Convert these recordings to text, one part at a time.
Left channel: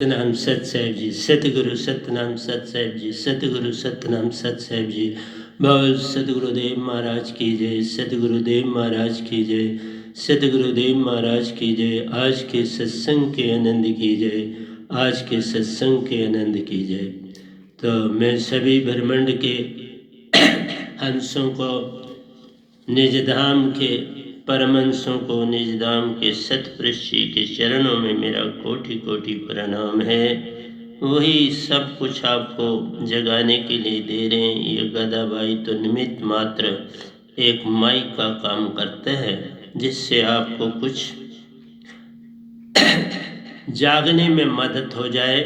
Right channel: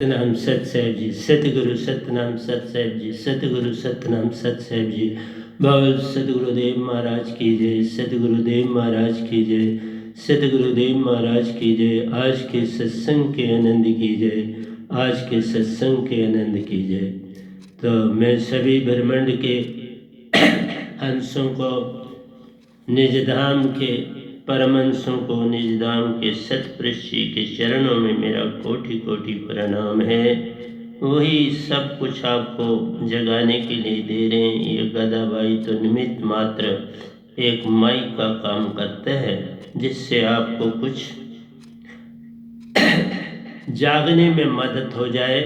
सतनाम सत साहिब जी, सतगुरु सतनाम सत साहिब जी, सतगुरु सतनाम सत साहिब जी। बाबा सतगुरुदेव महाराज की जय, सतगुरुदेव महाराज की जय, सतगुरुदेव महाराज की जय। आज के सत्संग के आनंद की जय, आज के सत्संग के आनंद की जय। तो मैं सभी ब्रह्मांड के हंसों को, निजधाम के परमहंसों को, निजधाम के सतपुरुष जी के चरणों में मेरा कोटि कोटि प्रणाम है। वही सब कुछ आपको जगाने के लिए दे रहे हैं। ये गदा भाई तो निमित्त मात्र एक माइक का काम करता है, जिससे आपको कुछ जागने में मदद हो जाए,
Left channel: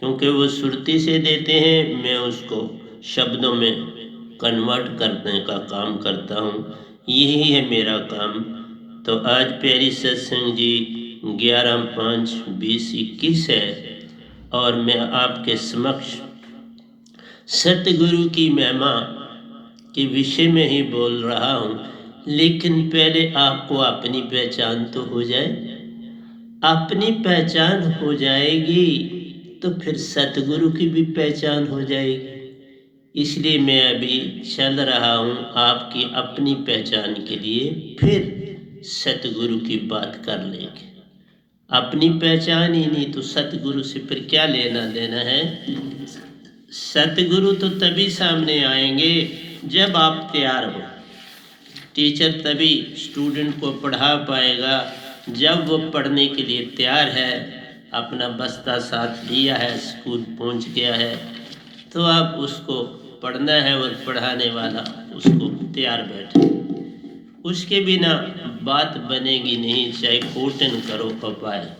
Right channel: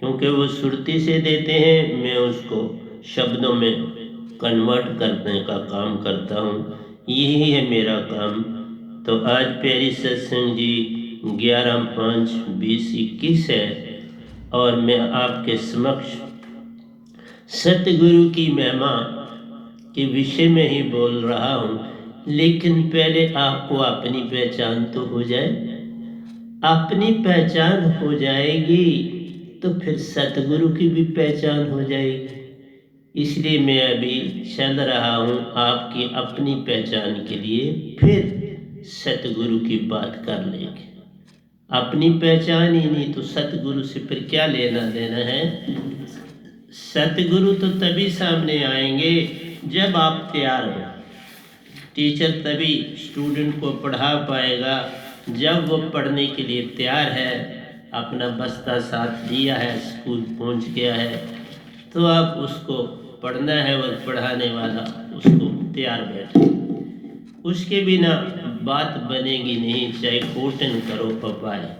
क्योंकि वो सुरती से देते हैं, मैं उसको शब्दों में कन्वर्ट करने का काम करता हूँ। यही है मेरा काम। तो आज प्यारी सत्संग जी 11/5/2021 है और मैं आपके समक्ष सतगुरु की महिमा के विषय में ही बोल रहा हूँ। लेकिन पहले आपको अपनी पहचान तो हो जाए। अपनी पहचान हो जाएगी तो फिर सतगुरु की भी पहचान हो जाएगी। इसलिए मैं अभी चल रहा हूँ आपकी अपनी पहचान के लिए, फिर सतगुरु की बात कर लेंगे। अपनी पहचान ही नहीं तो सतगुरु से फिर क्या लेना देना है। सतगुरु तो तभी सामने आएंगे जब आप तैयार हो। टीचर तभी स्टूडेंट को पढ़ा पाएगा जब वो पढ़ने के लिए तैयार है, अपना बस्ता साथ लिया है, स्कूल पहुंच गया है, तो आप उसको पढ़ना है और पढ़ाने वाला उसको तैयार बैठे। उसके बिना बात बनेगी नहीं, चाहे कोटन करो पपाया।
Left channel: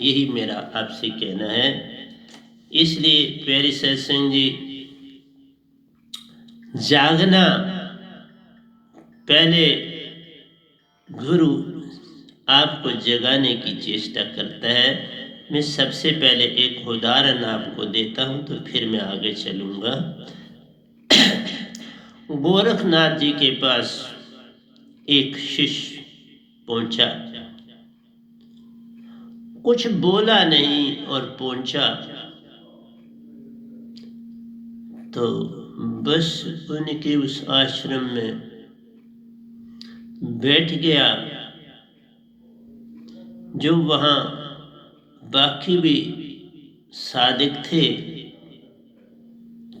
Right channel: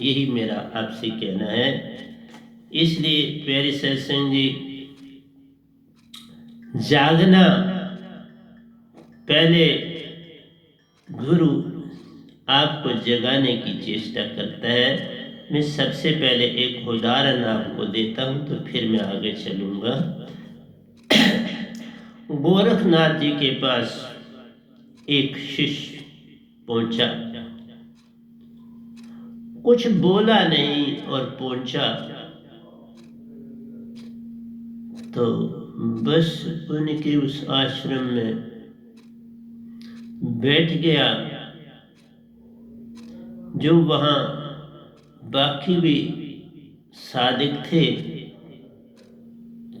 यही मेरा आपसे कहना है। इसलिए प्यारे सत्संग जी, जागना पहले गुरु आपको जगाने की चेष्टा करता है। मैं सबसे पहले एक उदाहरण आपको देता हूँ, तो फिर मैं आगे चलूँगा। गोरखनाथ जी के पास एक शिष्य पहुंचा, कुछ बोला नहीं और पहुंचा, तो बस उनके उस आश्रम में बैठ गया। जो वहाँ बाकी भी साधिक थे,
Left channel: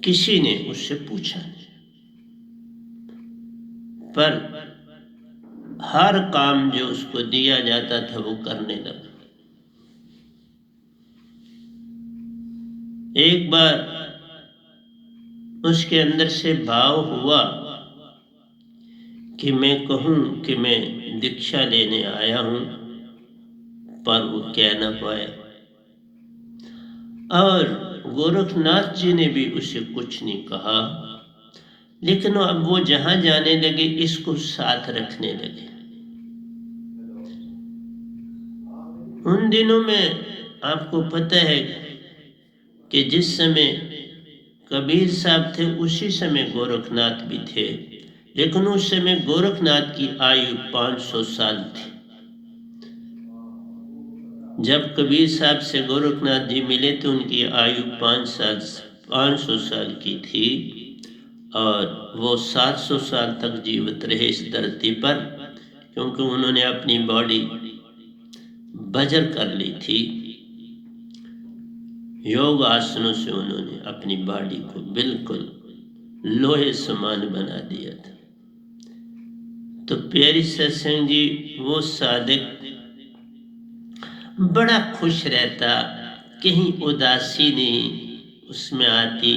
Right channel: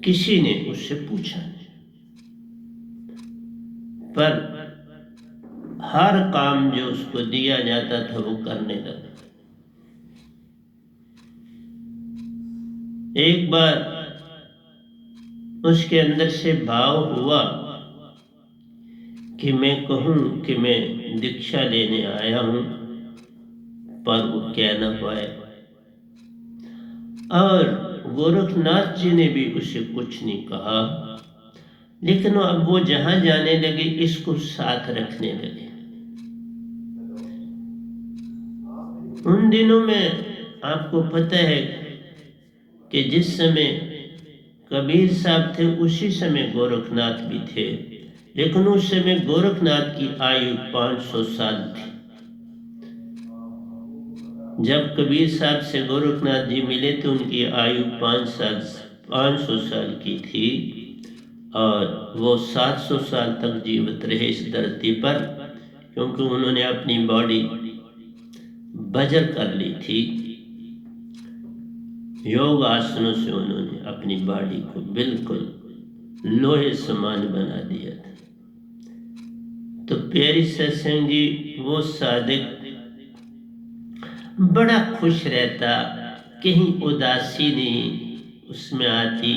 किसी ने उससे पूछा नहीं, पर हर काम जो उसको दिया जाता था वो करने लगा। एक बार उसके अंदर से भाव हुआ कि मैं कहूँ कि मैं दीक्षा लेने आया हूँ, पर वो कह ना पाए। और गोरखनाथ जी ने भी उसे कुछ नहीं कहा, लेकिन अब वो जहां जाने लगे इसको साथ रखने लगे। उन दिनों में आपको पता है कि जिस समय कबीर साहब थे उसी समय गोरखनाथ भी थे, लेकिन उस समय गोरखनाथ की आयु 500 साल थी। जब कबीर साहब से गोरखनाथ जी मिले तो उनकी आयु 500 साल की थी और वो 700 साल तक जीवित रहे इस धरती पर, क्योंकि उन्होंने अपनी बॉडी बजर कर ली थी। योग आसनों से उन्होंने अपनी बॉडी को बिल्कुल लोहे समान बना दिया था। तो प्यारी सत्संग जी, वो साधक बड़ा खुश रहता, कहीं उदासी नहीं उसमें आती,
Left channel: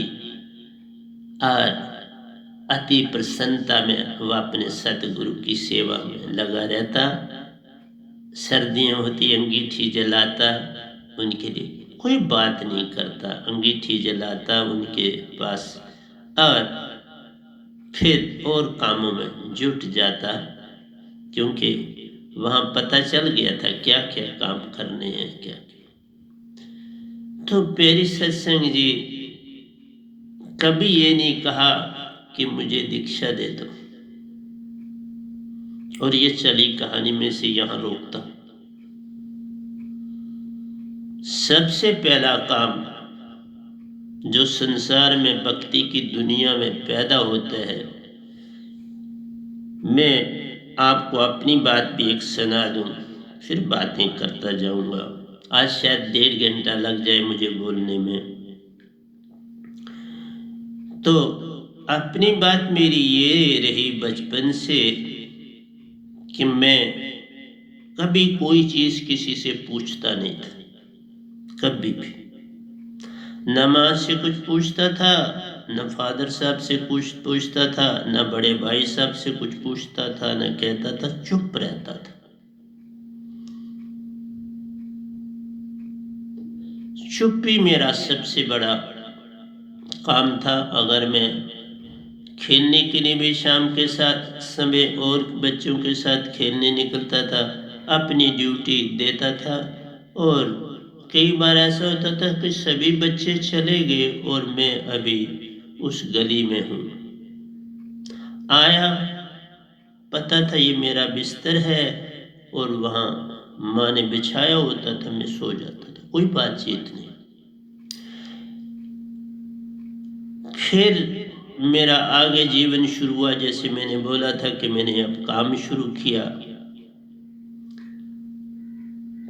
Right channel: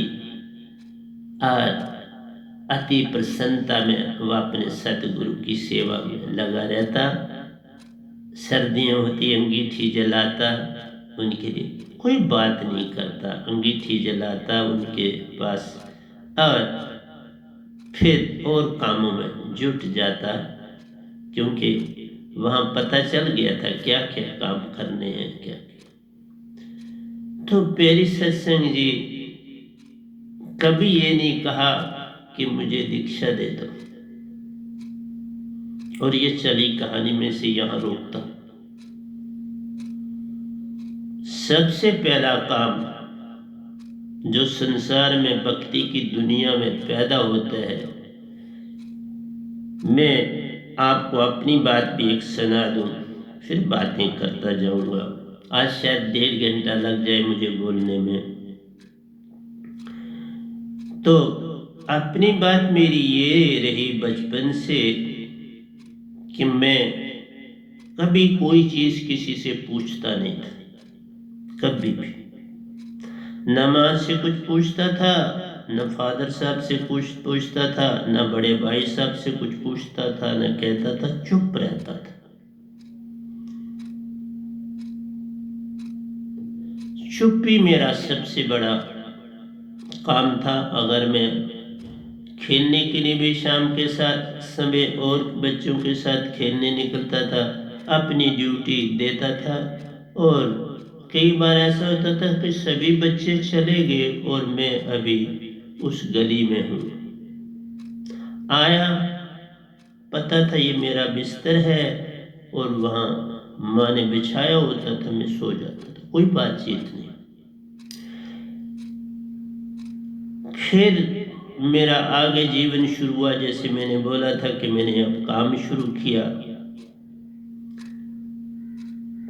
और अति प्रसन्नता में वह अपने सतगुरु की सेवा में लगा रहता। सर्दियाँ होती, अंगीठी जलाता, उनके लिए कोई बात नहीं करता, अंगीठी जलाता उनके पास, और फिर और कामों में जुट जाता, क्योंकि वहाँ पता चल गया था क्या क्या काम करने हैं क्या। तो प्यारी सत्संग जी, कभी ये नहीं कहा कि मुझे दीक्षा दे दो। और ये चली कहानी में से यहाँ रोकता। सबसे पहला काम जो संसार में भक्ति की दुनिया में पैदा होता है, मैं आपको अपनी बात भी एक सुना दूं, फिर बातें करता जाऊंगा। आज शायद 1.5 घंटा लग जाए मुझे बोलने में। तो अपनी बात मेरी ये रही बचपन से कि मैं कभी कोई चीज किसी से पूछता नहीं था, कभी भी। न माँ से कुछ पूछता था, न फादर साहब से कुछ पूछता था, न बड़े भाई साहब से कुछ पूछता था, न कहता था, चुप रहता था। चुप ही मेरा सबसे बड़ा काम था। अगर मैं खेलने के लिए भी शाम के साथ समय और बच्चों के साथ खेलने निकलता था, अपनी ड्यूटी देता था। और कई बार ऐसा होता था कि सभी बच्चे चले गए और मैं अभी उस गली में हूँ। आया, पता था ये मेरा बिस्तर है और वहाँ माँ ने बिछाया होता था, मैं सो जाता था, कोई बातचीत नहीं। फिर मेरा आगे जीवन शुरू हुआ। जैसे मैंने बोला था कि मैंने अब काम शुरू किया।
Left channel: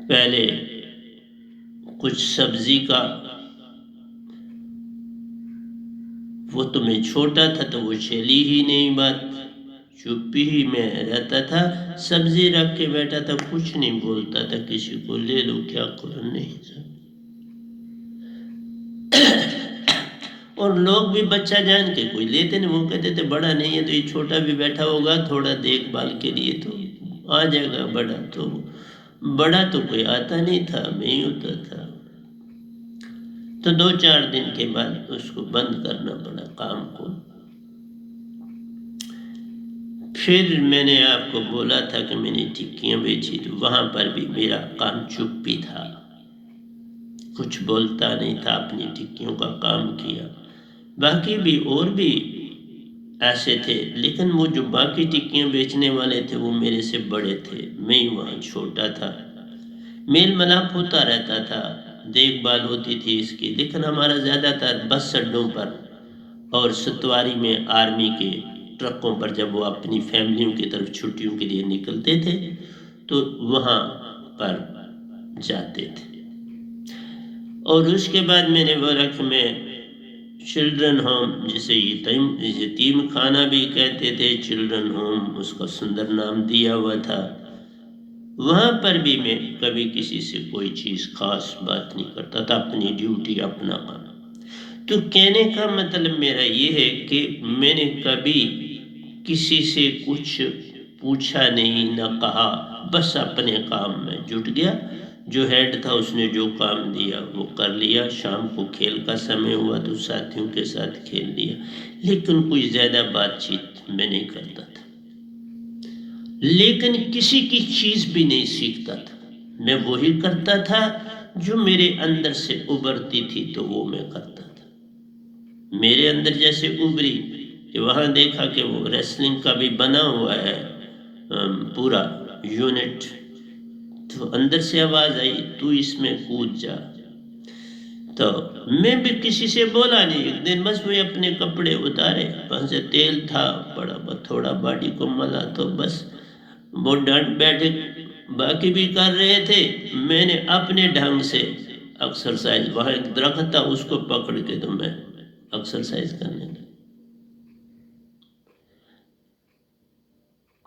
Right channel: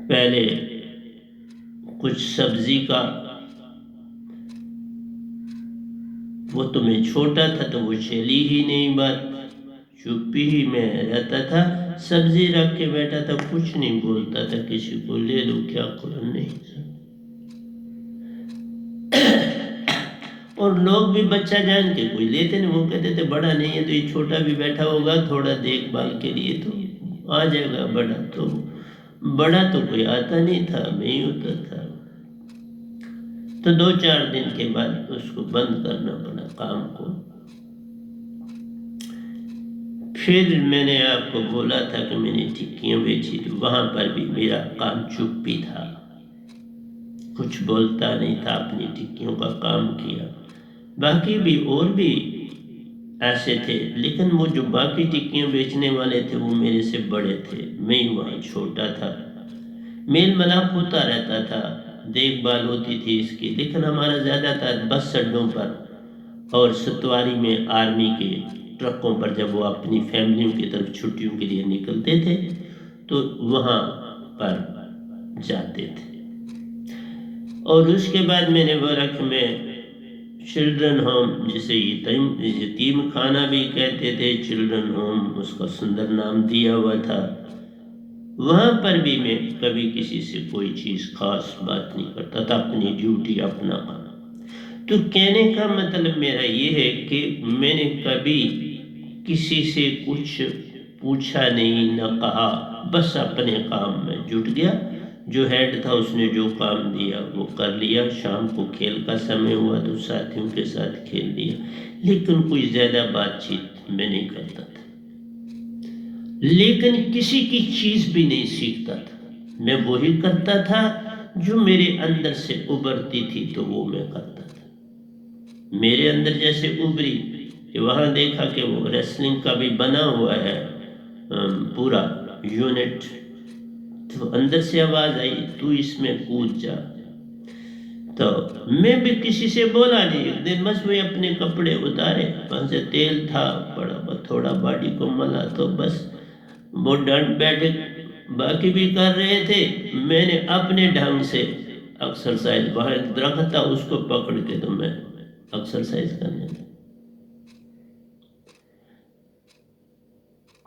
पहले कुछ सब्जी का, वो तो मैं छोटा था तो वो चली ही नहीं बात, चुप्पी ही में रहता था। सब्जी रख के बैठा था, कुछ नहीं बोलता था किसी को, ले लो क्या करो, नहीं था। और लोग भी बच्चा जान के कोई लेते नहीं, वो कहते थे बड़ा नहीं है तो ये छोटा भी बैठा होगा, थोड़ा देखभाल के लिए तो आ जाएगा बड़ा। तो बड़ा तो कोई आता नहीं था, मैं ही होता था। तो 2-4 दिन के बाद उसको बंद करना पड़ा काम को। फिर मैंने आपको बोला था कि मैंने टिक्कियाँ बेची, तो वहां पर भी मेरा काम चुप्पी था, कुछ बोलता नहीं था, अपनी टिक्कियों का काम किया। बाकी भी और भी ऐसे थे, लेकिन वो जो बाकी टिक्कियाँ बेचने वाले थे वो मेरे से बड़े थे, मैं ही वहाँ छोटा था। मेल मिलाप होता रहता था, देखभाल होती थी इसकी, लेकिन हमारा ज़्यादातर बस अड्डों पर और सतवारी में आर्मी के ट्रकों पर जब वो अपनी फैमिलियों की तरफ छुट्टियों के लिए निकलते थे तो वहाँ पर जाते थे। और उसके बाद मैंने बोला कि मैं चिल्ड्रन होम, जिसे यतीम खाना भी कहते थे, चिल्ड्रन होम उसका सुंदर नाम दिया हुआ था, वहाँ पर भी मैं कभी किसी से कोई चीज़ खास बात नहीं करता था, अपनी ड्यूटी अपना काम। तो कहने का मतलब मेरा ये है कि मैंने कभी किसी से कुछ पूछा नहीं, न कहा, बस अपने काम में जुट गया। जो हेड था उसने जो काम दिया वो कर लिया। शाम को खेल का समय हुआ तो साथियों के साथ खेल लिया, लेकिन कोई ज़्यादा बातचीत मैं नहीं करता था। लेकिन किसी की चीज़ भी नहीं सीखता था, मैं वही करता था जो मेरे अंदर से उभरती थी, तो वो मैं करता था। मेरे अंदर जैसे उभरी कि वहाँ देखा कि वो रेसलिंग का भी बना हुआ है पूरा यूनिट, तो अंदर से आवाज़ आई, तू इसमें कूद जा। तो मैं भी किसी से बोला नहीं। एक दिन बस मैं अपने कपड़े उतारे, वहाँ से तेल था बड़ा, थोड़ा बॉडी को मला, तो बस वो डट बैठे, बाकी भी कर रहे थे, मैंने अपने ढंग से एक्सरसाइज, वहाँ एक दरख्त था उसको पकड़ के तो मैं एक्सरसाइज करने लगा।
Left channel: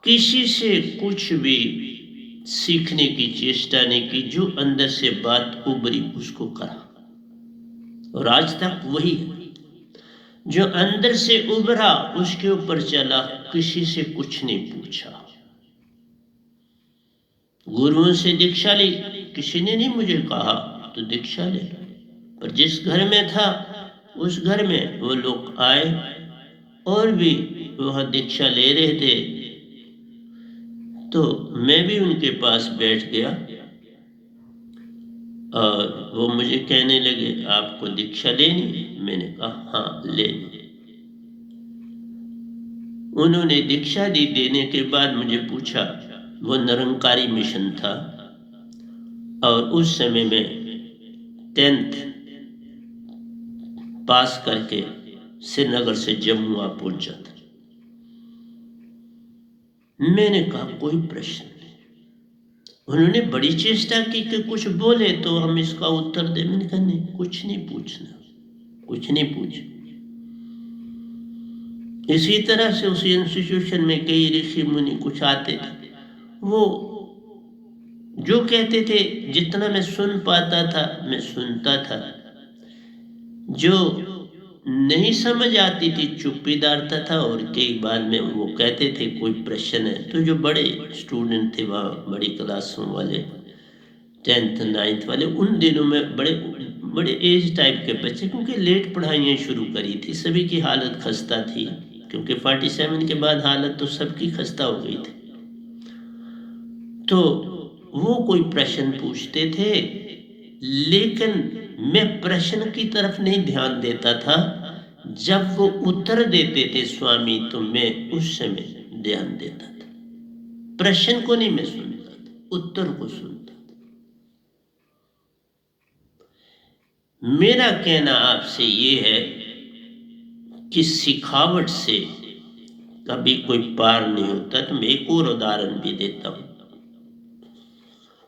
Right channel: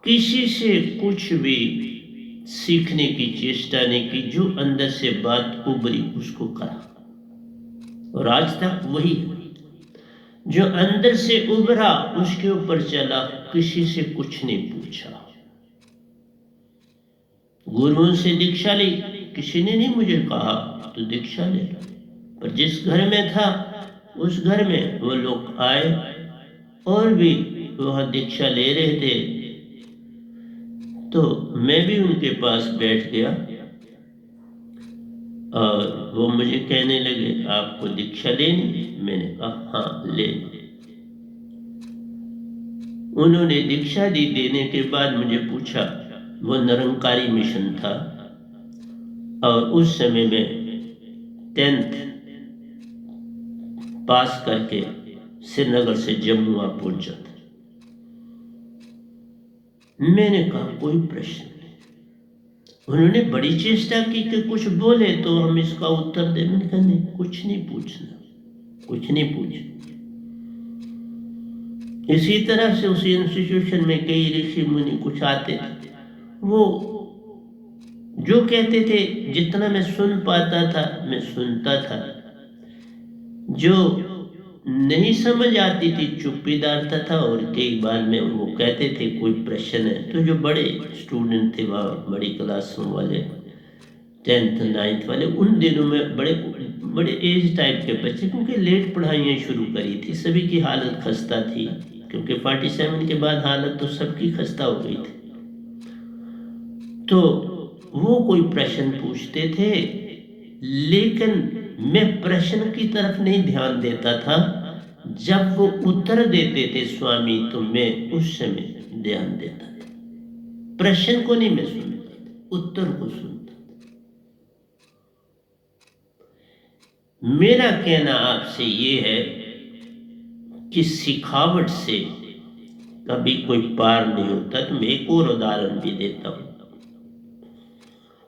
किसी से कुछ भी सीखने की चेष्टा नहीं की, जो अंदर से बात उभरी उसको करा, और आज तक वही है। जो अंदर से उभरा उसके ऊपर चला, किसी से कुछ नहीं पूछा। गुरुओं से दीक्षा ली, किसी ने नहीं मुझे कहा तो दीक्षा ले, पर जिस घर में था उस घर में वो लोग आए और भी वहाँ दीक्षा ले रहे थे, तो मैं भी उनके पास बैठ गया और वो मुझे कहने लगे, आपको दीक्षा लेनी? मैंने कहा हाँ ले लो। उन्होंने दीक्षा दी। देने के बाद मुझे पूछा, वो निरंकारी मिशन था और उस समय में 10th पास करके श्रीनगर से जम्मू आ पहुंचा था। मैंने कहा कोई प्रश्न नहीं। उन्होंने बड़ी चेष्टा की कि कुछ बोले तो हम इसका उत्तर दें। मैंने कहा नहीं, कुछ नहीं पूछना, कुछ नहीं पूछना। इसी तरह से उस इंस्टीट्यूशन में कई ऋषि मुनि कुछ आते थे, वो जो कहते थे जितना मैं सुन पाता था मैं सुनता था, जो नहीं समझ आती थी चुप्पीदार था। और कई बार में वो कहते थे कोई प्रश्न है, तो जो बड़े स्टूडेंट थे वहाँ बड़ी क्लासों वाले 10th 9th वाले, उन दिनों में बड़े बड़े एज टाइप के बच्चे, क्योंकि लेट पढ़ाइयाँ शुरू करी थी, सभी की हालत खस्ता थी, क्योंकि 47 के बाद हालत तो सबकी खस्ता हो गई थी। तो वो कोई प्रश्न पूछते थे, लेकिन मैं प्रश्न की तरफ नहीं ध्यान देता था। जब वो उत्तर देते थे स्वामी, तो मैं उस समय ध्यान देता था। प्रश्न को नहीं मैं सुनता था, उत्तर को सुनता था। मेरा कहना आपसे ये है कि सिखावट से कभी कोई पार नहीं होता। तो मैं एक और उदाहरण भी देता हूं,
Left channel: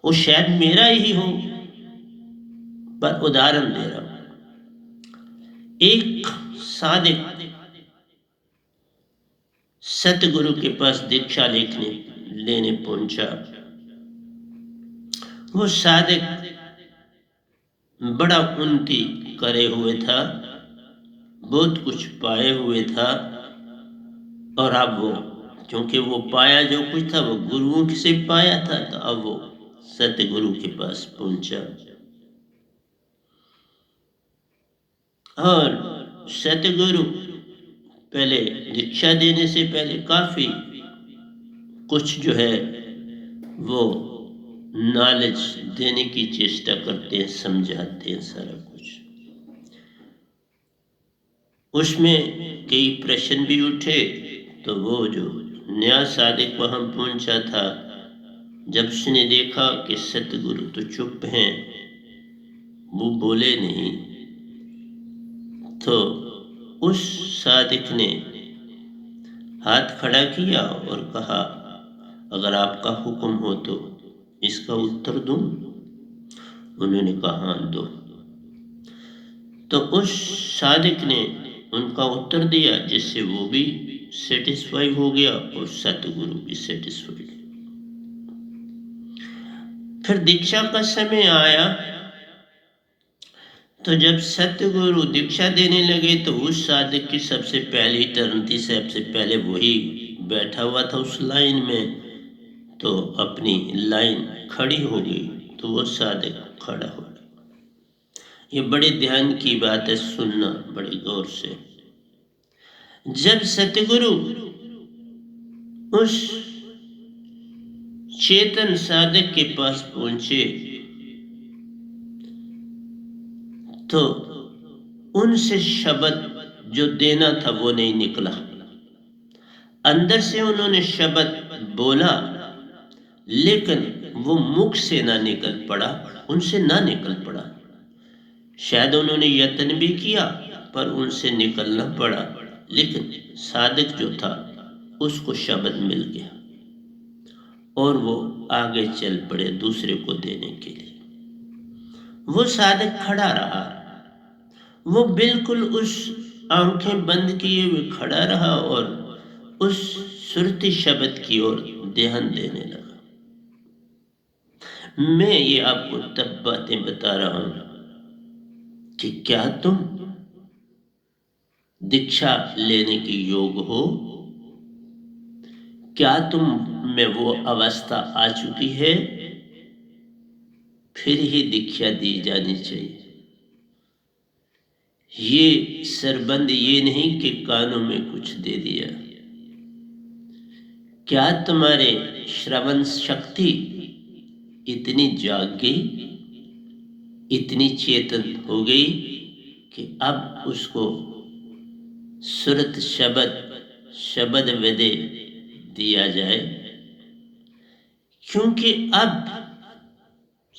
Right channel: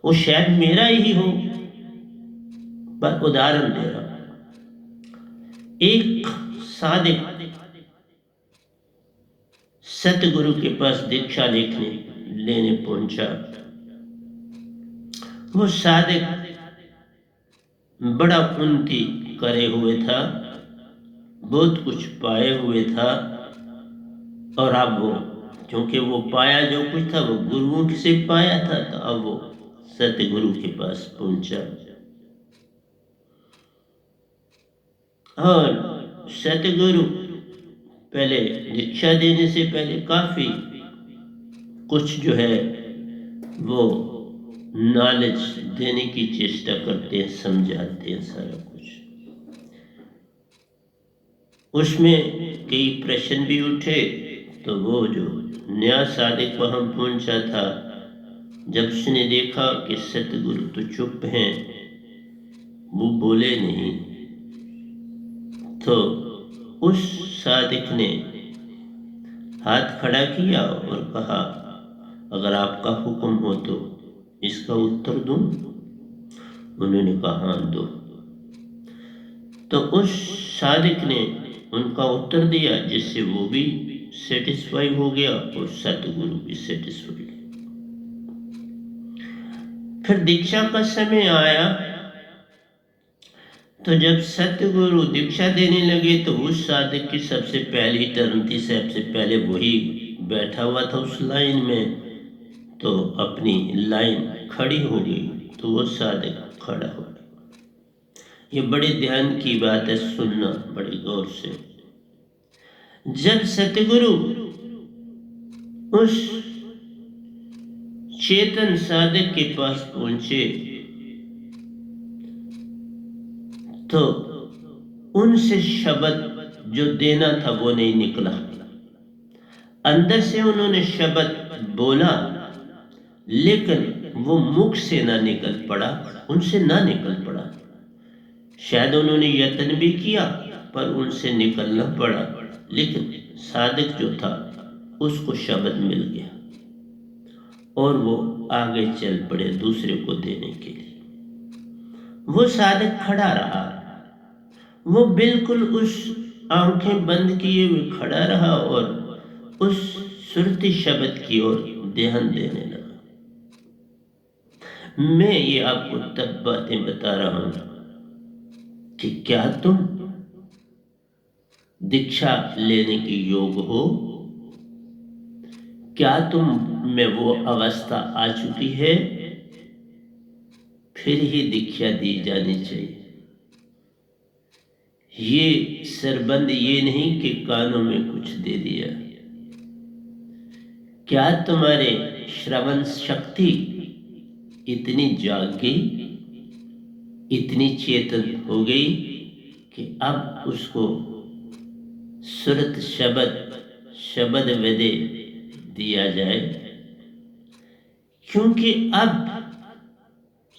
वो शायद मेरा ही हो, पर उदाहरण दे रहा हूं। एक साधक सतगुरु के पास दीक्षा लेने पहुंचा। वो साधक बड़ा उन्नति करे हुए था, बहुत कुछ पाए हुए था, और अब वो, क्योंकि वो पाया जो कुछ था वो गुरुओं से पाया था, तो अब वो सतगुरु के पास पहुंचा। और सतगुरु पहले दीक्षा देने से पहले काफी कुछ जो है वो नॉलेज देने की चेष्टा करते हैं, समझाते हैं सारा कुछ। उसमें कई प्रश्न भी उठे, तो वो जो नया साधक वहां पहुंचा था, जब उसने देखा कि सतगुरु तो चुप हैं, वो बोले नहीं, तो उस साधक ने हाथ खड़ा किया और कहा, अगर आपका हुक्म हो तो इसका उत्तर दूं? उन्होंने कहा हाँ दो। तो उस साधक ने उनका उत्तर दिया, जिससे वो भी सेटिस्फाई हो गया और सतगुरु भी सेटिस्फाई। फिर दीक्षा का समय आया, तो जब सतगुरु दीक्षा देने लगे, तो उस साधक की सबसे पहली टर्न थी, सबसे पहले वही बैठा हुआ था उस लाइन में, तो अपनी लाइन खड़ी हो गई, तो वो साधक खड़ा हो गया। ये बड़े ध्यान की बात है, सुनना बड़े गौर से। जब सतगुरु उस चेतन साधक के पास पहुंचे, तो उनसे शब्द जो देना था वो नहीं निकला। अंदर से उन्होंने शब्द बोला, लेकिन वो मुख से ना निकल पड़ा, उनसे ना निकल पड़ा। शायद उन्होंने यत्न भी किया, पर उनसे निकलना पड़ा, लेकिन साधक जो था उसको शब्द मिल गया और वो आगे चल पड़े दूसरे को देने के लिए। वो साधक खड़ा रहा, वो बिल्कुल उस आंखें बंद किए हुए खड़ा रहा और उस सुरती शब्द की ओर ध्यान देने लगा। मैं ये आपको तब बातें बता रहा हूं कि क्या तुम दीक्षा लेने के योग हो? क्या तुम में वो अवस्था आ चुकी है? फिर ही दीक्षा दी जानी चाहिए। ये सरबंद ये नहीं कि कानों में कुछ दे दिया। क्या तुम्हारे श्रवण शक्ति इतनी जाग गई, इतनी चेतन हो गई कि अब उसको सुरत शब्द वेदे दिया जाए? क्योंकि अब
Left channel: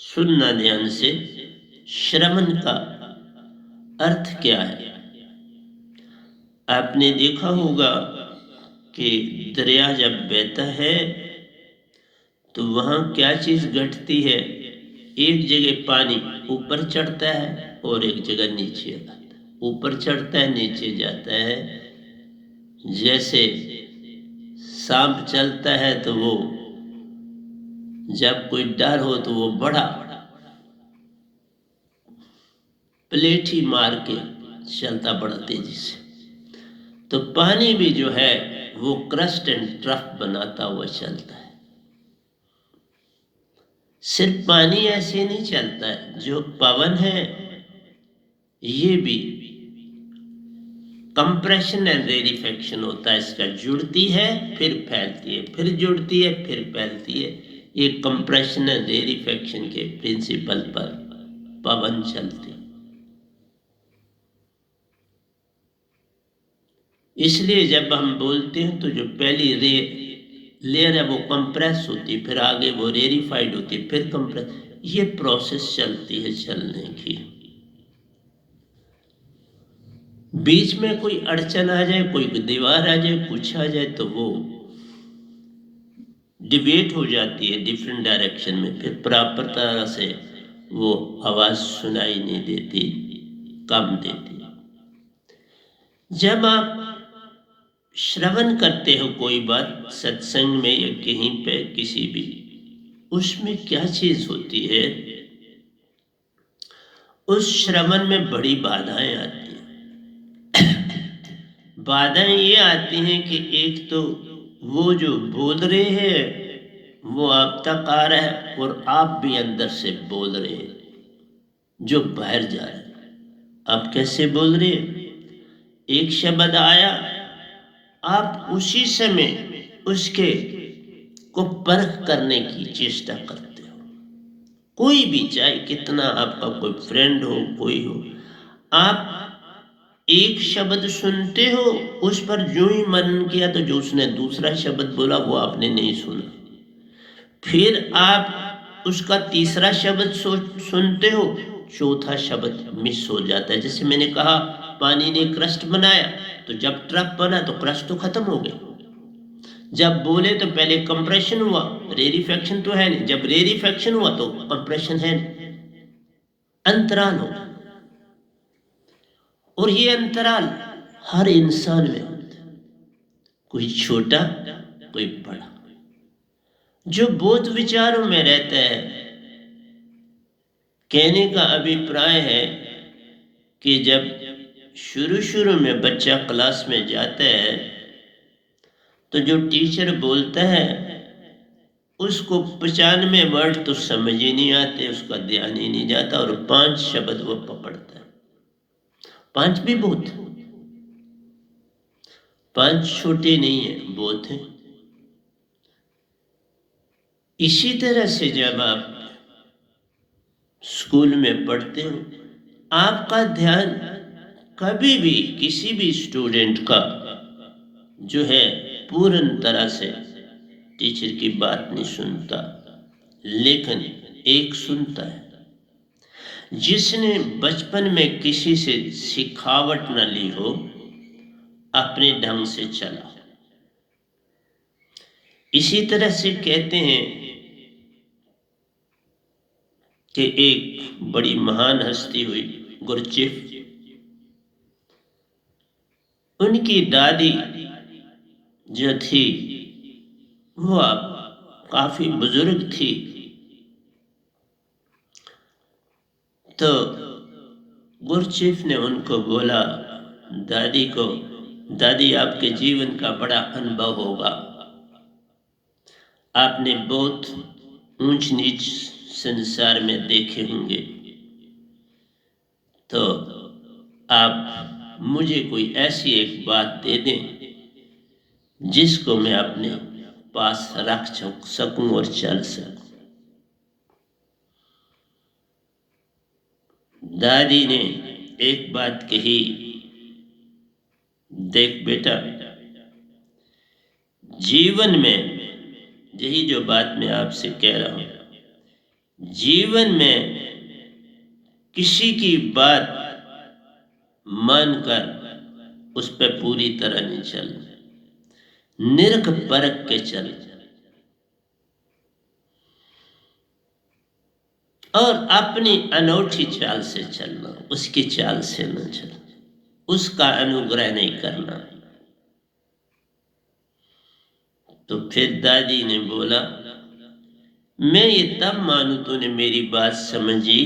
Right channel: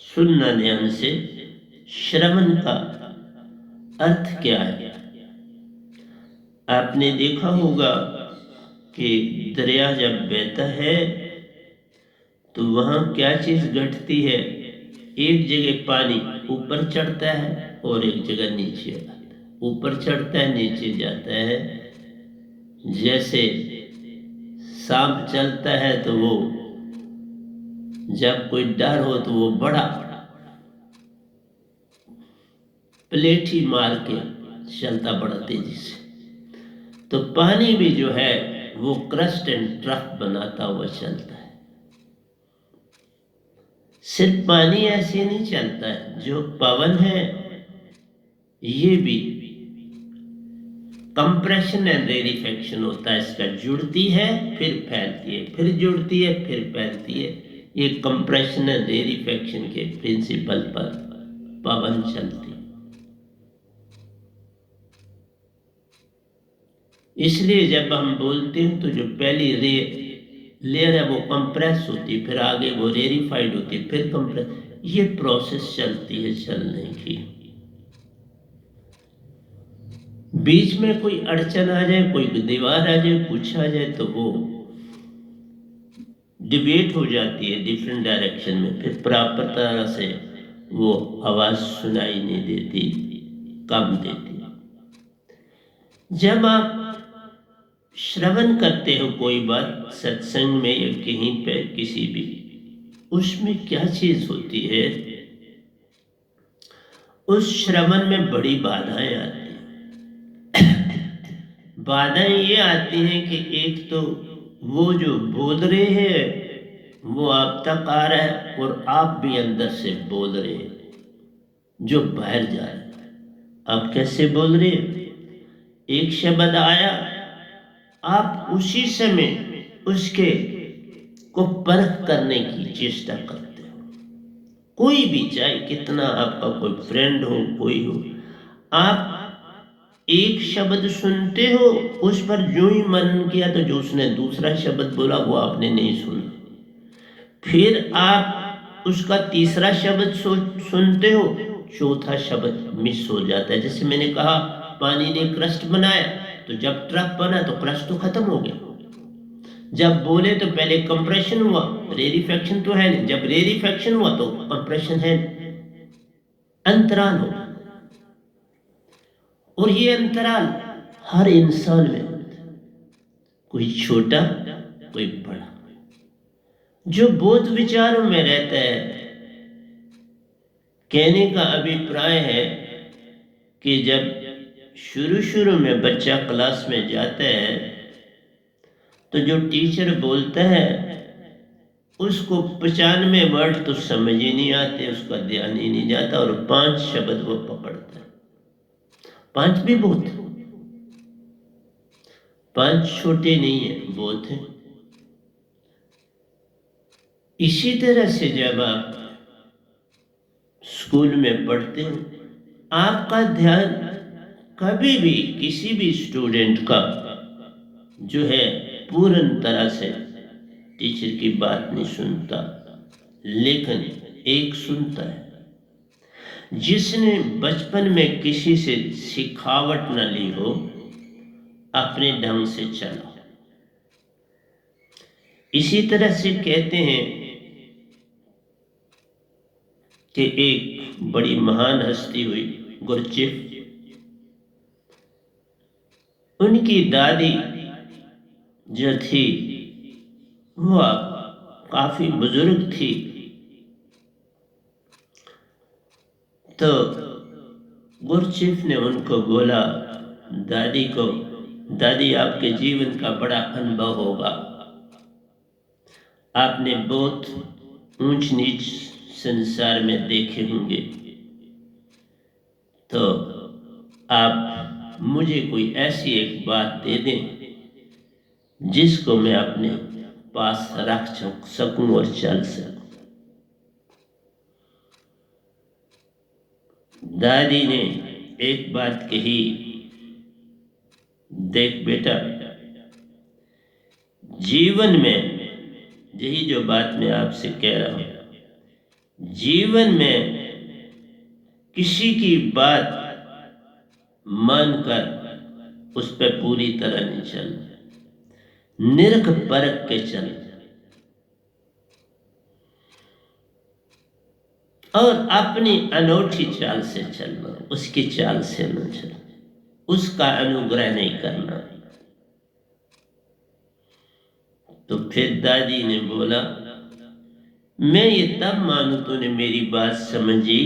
सुनना ध्यान से, श्रवण का अर्थ क्या है? आपने देखा होगा कि दरिया जब बहता है तो वहाँ क्या चीज़ घटती है? एक जगह पानी ऊपर चढ़ता है और एक जगह नीचे आता है। ऊपर चढ़ता है, नीचे जाता है। जैसे सांप चलता है तो वो जब कोई डर हो तो वो बड़ा पलेठी मार के चलता बड़ा तेजी से। तो पानी भी जो है वो क्रस्ट एंड ट्रफ बनाता हुआ चलता है। सिर्फ पानी ऐसे नहीं चलता है, जो पवन है ये भी कंप्रेशन एंड रेरिफेक्शन होता है। इसका जुड़ती है फिर फैलती है, फिर जुड़ती है फिर फैलती है। ये कंप्रेशन एंड रेरिफेक्शन के प्रिंसिपल पर पवन चलती। इसलिए जब हम बोलते हैं तो जो पहली लेयर है वो कंप्रेस होती है, फिर आगे वो रेरिफाइड होती है, फिर कंप्रेस। ये प्रोसेस चलती है चलने की। बीच में कोई अड़चन आ जाए, कोई दीवार आ जाए, कुछ आ जाए तो वो डिवेट हो जाती है डिफरेंट डायरेक्शन में, फिर प्रॉपर तरह से वो आवाज सुनाई नहीं देती, कम देती। जब आप श्रवण करते हो कोई बात सत्संग में या कहीं पे किसी भी, उसमें क्या चीज होती है? उस श्रवण में बड़ी बाधाएं आती हैं। बाधाएं ये आती हैं कि एक तो वो जो बोल रहे हैं वो आप तक आ रहा है और आप भी अंदर से बोल रहे हैं जो बाहर जा रहा है। आप कैसे बोल रहे हैं? एक शब्द आया, आप उसी समय उसके को परख करने की चेष्टा करते हो। कोई भी, चाहे कितना आपका कोई फ्रेंड हो, कोई हो, आप एक शब्द सुनते हो, उस पर जो ही मनन किया तो जो उसने दूसरा शब्द बोला वो आपने नहीं सुना। फिर आप उसका तीसरा शब्द सुनते हो, चौथा शब्द मिस हो जाता है। जैसे मैंने कहा पानी ने क्रस्ट बनाया, तो जब ट्रक बना तो क्रस्ट तो खत्म हो गया। जब बोले तो पहले कंप्रेशन हुआ, रेरिफेक्शन तो है नहीं। जब रेरिफेक्शन हुआ तो कंप्रेशन है, अंतराल हो। और ये अंतराल हर इंसान में होता है, कोई छोटा कोई बड़ा। जो बोध विचारों में रहता है, कहने का अभिप्राय है कि जब शुरू शुरू में बच्चा क्लास में जाता है तो जो टीचर बोलता है उसको 95 वर्ड तो समझ ही नहीं आते, उसका ध्यान ही नहीं जाता और 5 शब्द वो पकड़ता है। 5 भी बहुत, 5 छोटे नहीं है, बहुत है। इसी तरह से जब आप स्कूल में पढ़ते हो, आपका ध्यान कभी भी किसी भी स्टूडेंट का जो है पूर्ण तरह से टीचर की बात नहीं सुनता, लेकिन एक सुनता है जिसने बचपन में किसी से सिखावट न ली हो, अपने ढंग से चला। इसी तरह से कहते हैं कि एक बड़ी महान हस्ती हुई गुरचेफ, उनकी दादी जो थी वो काफी बुजुर्ग थी। तो गुरचेफ ने उनको बोला, दादी को, दादी आपके जीवन का बड़ा अनुभव होगा, आपने बहुत ऊंच नीच संसार में देखे होंगे, तो आप मुझे कोई ऐसी एक बात दे दें जिसको मैं अपने पास रख सकूं और चल सकूं। दादी ने एक बात कही, देख बेटा, जीवन में यही जो बात मैं आपसे कह रहा हूं, जीवन में किसी की बात मानकर उस पर पूरी तरह नहीं चलना, निरख परख के चल और अपनी अनूठी चाल से चलना, उसकी चाल से न चलना, उसका अनुग्रह नहीं करना। तो फिर दादी ने बोला, मैं ये तब मानू तूने मेरी बात समझी,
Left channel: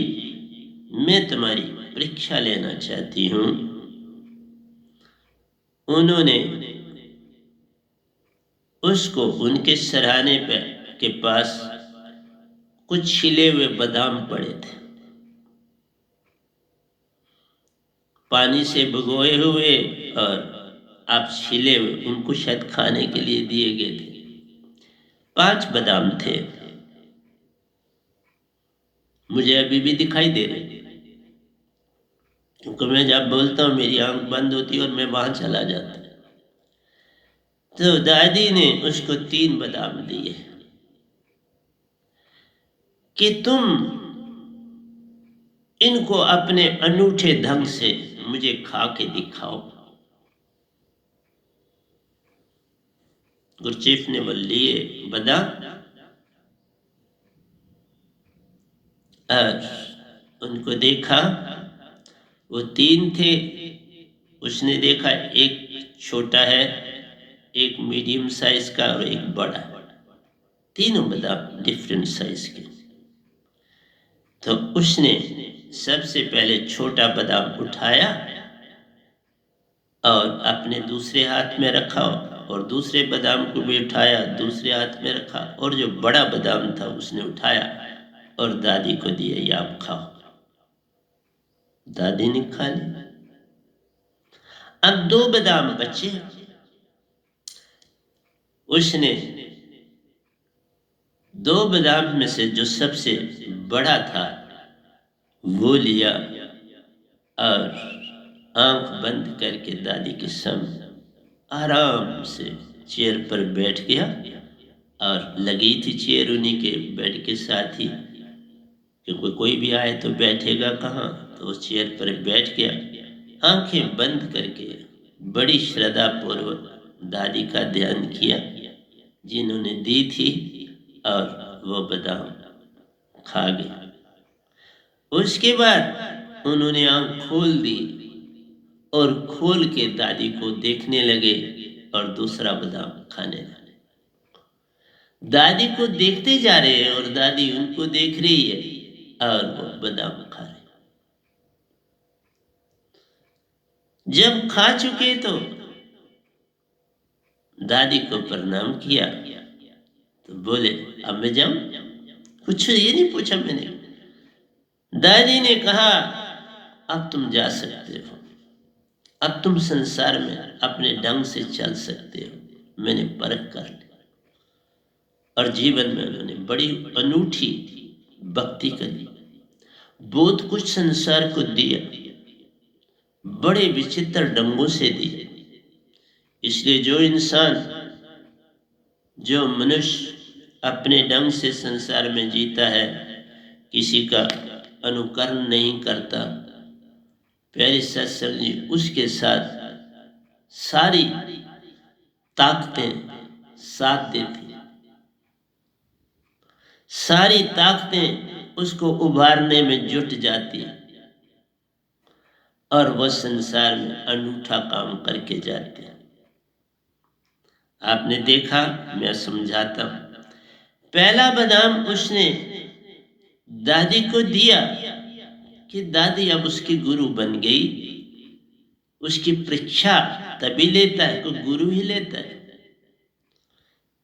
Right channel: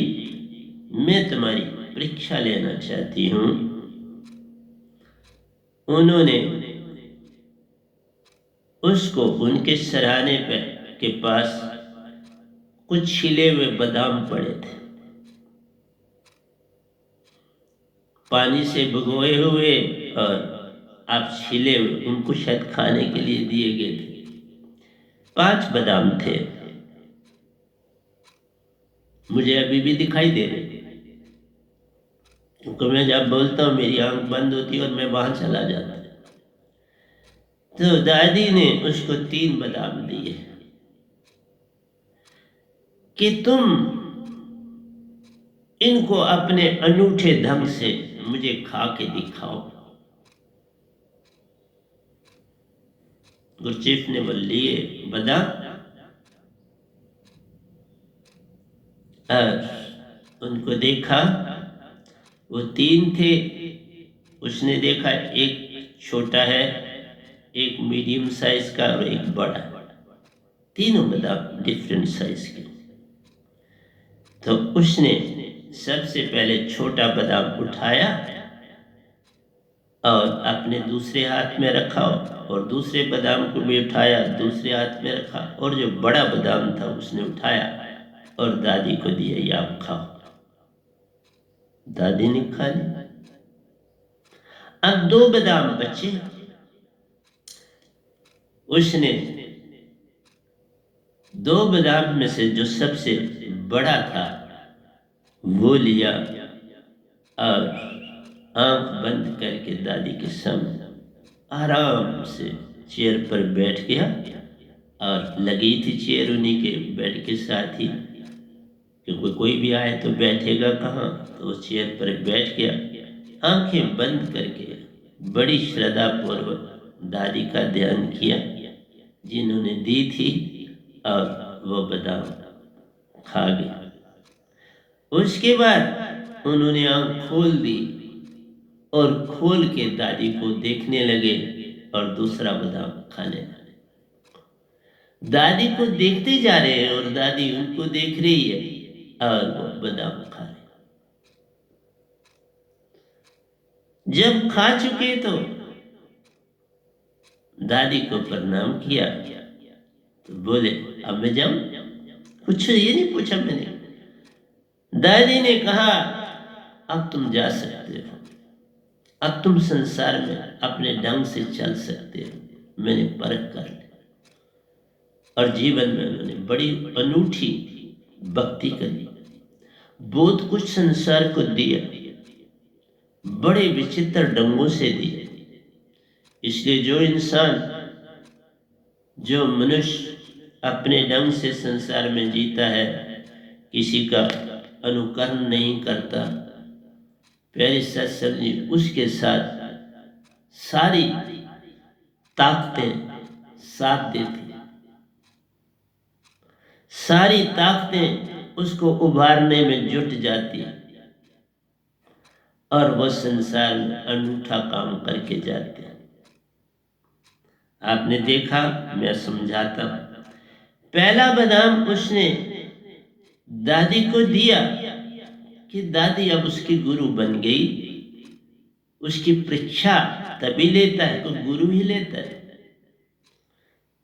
मैं तुम्हारी परीक्षा लेना चाहती हूं। उन्होंने उसको उनके सराहने के पास कुछ छिले हुए बादाम पड़े थे, पानी से भिगोए हुए और आप छिले हुए, उनको शायद खाने के लिए दिए गए थे। 5 बादाम थे, मुझे अभी भी दिखाई दे रहे, क्योंकि मैं जब बोलता हूं मेरी आंख बंद होती और मैं वहां चला जाता। तो दादी ने उसको 3 बादाम दिए कि तुम इनको अपने अनूठे ढंग से मुझे खा के दिखाओ। गुरचीफ ने वो लिए बादाम और उनको देखा, वो 3 थे। उसने देखा एक छोटा है, एक मीडियम साइज का और एक बड़ा, तीनों बादाम डिफरेंट साइज के। तो उसने सबसे पहले छोटा बादाम उठाया और अपने दूसरे हाथ में रखा और दूसरे बादाम को भी उठाया, दूसरे हाथ में रखा, और जो बड़ा बादाम था उसने उठाया और दादी को दिया, ये आप खाओ। दादी ने खा लिया। अब 2 बादाम बचे, उसने 2 बादाम में से जो सबसे बड़ा था वो लिया और आंख बंद करके दादी के सामने आराम से चेयर पर बैठ गया। और लगी थी चेयर उन्हीं के बेड के साथ ही, क्योंकि कोई भी आए तो बैठेगा कहाँ, तो उस चेयर पर बैठ गया, आंखें बंद करके बड़ी श्रद्धा पूर्वक दादी का ध्यान किया जिन्होंने दी थी, और वो बादाम खा गया। उसके बाद उन्होंने आंख खोल दी और खोल के दादी को देखने लगे और दूसरा बादाम खाने लगे। दादी को देखते जा रहे हैं और दादी उनको देख रही है और वो बादाम खा रहे। जब खा चुके तो दादी को प्रणाम किया, तो बोले, अब मैं जाऊं? कुछ ये नहीं पूछा मैंने। दादी ने कहा, अब तुम जा सकते हो, अब तुम संसार में अपने ढंग से चल सकते हो, मैंने परख कर ली। और जीवन में उन्होंने बड़ी अनूठी भक्ति करी, बहुत कुछ संसार को दिया, बड़े विचित्र ढंगों से दिए। इसलिए जो इंसान, जो मनुष्य अपने ढंग से संसार में जीता है, किसी का अनुकरण नहीं करता, प्यारे सत्संग जी उसके साथ सारी ताकतें साथ देती, सारी ताकतें उसको उभारने में जुट जाती और वह संसार में अनूठा काम करके जाते हैं। आपने देखा, मैं समझाता हूं। पहला बादाम उसने दादी को दिया कि दादी अब उसकी गुरु बन गई। उसकी परीक्षा तभी लेता है तो गुरु ही लेता है।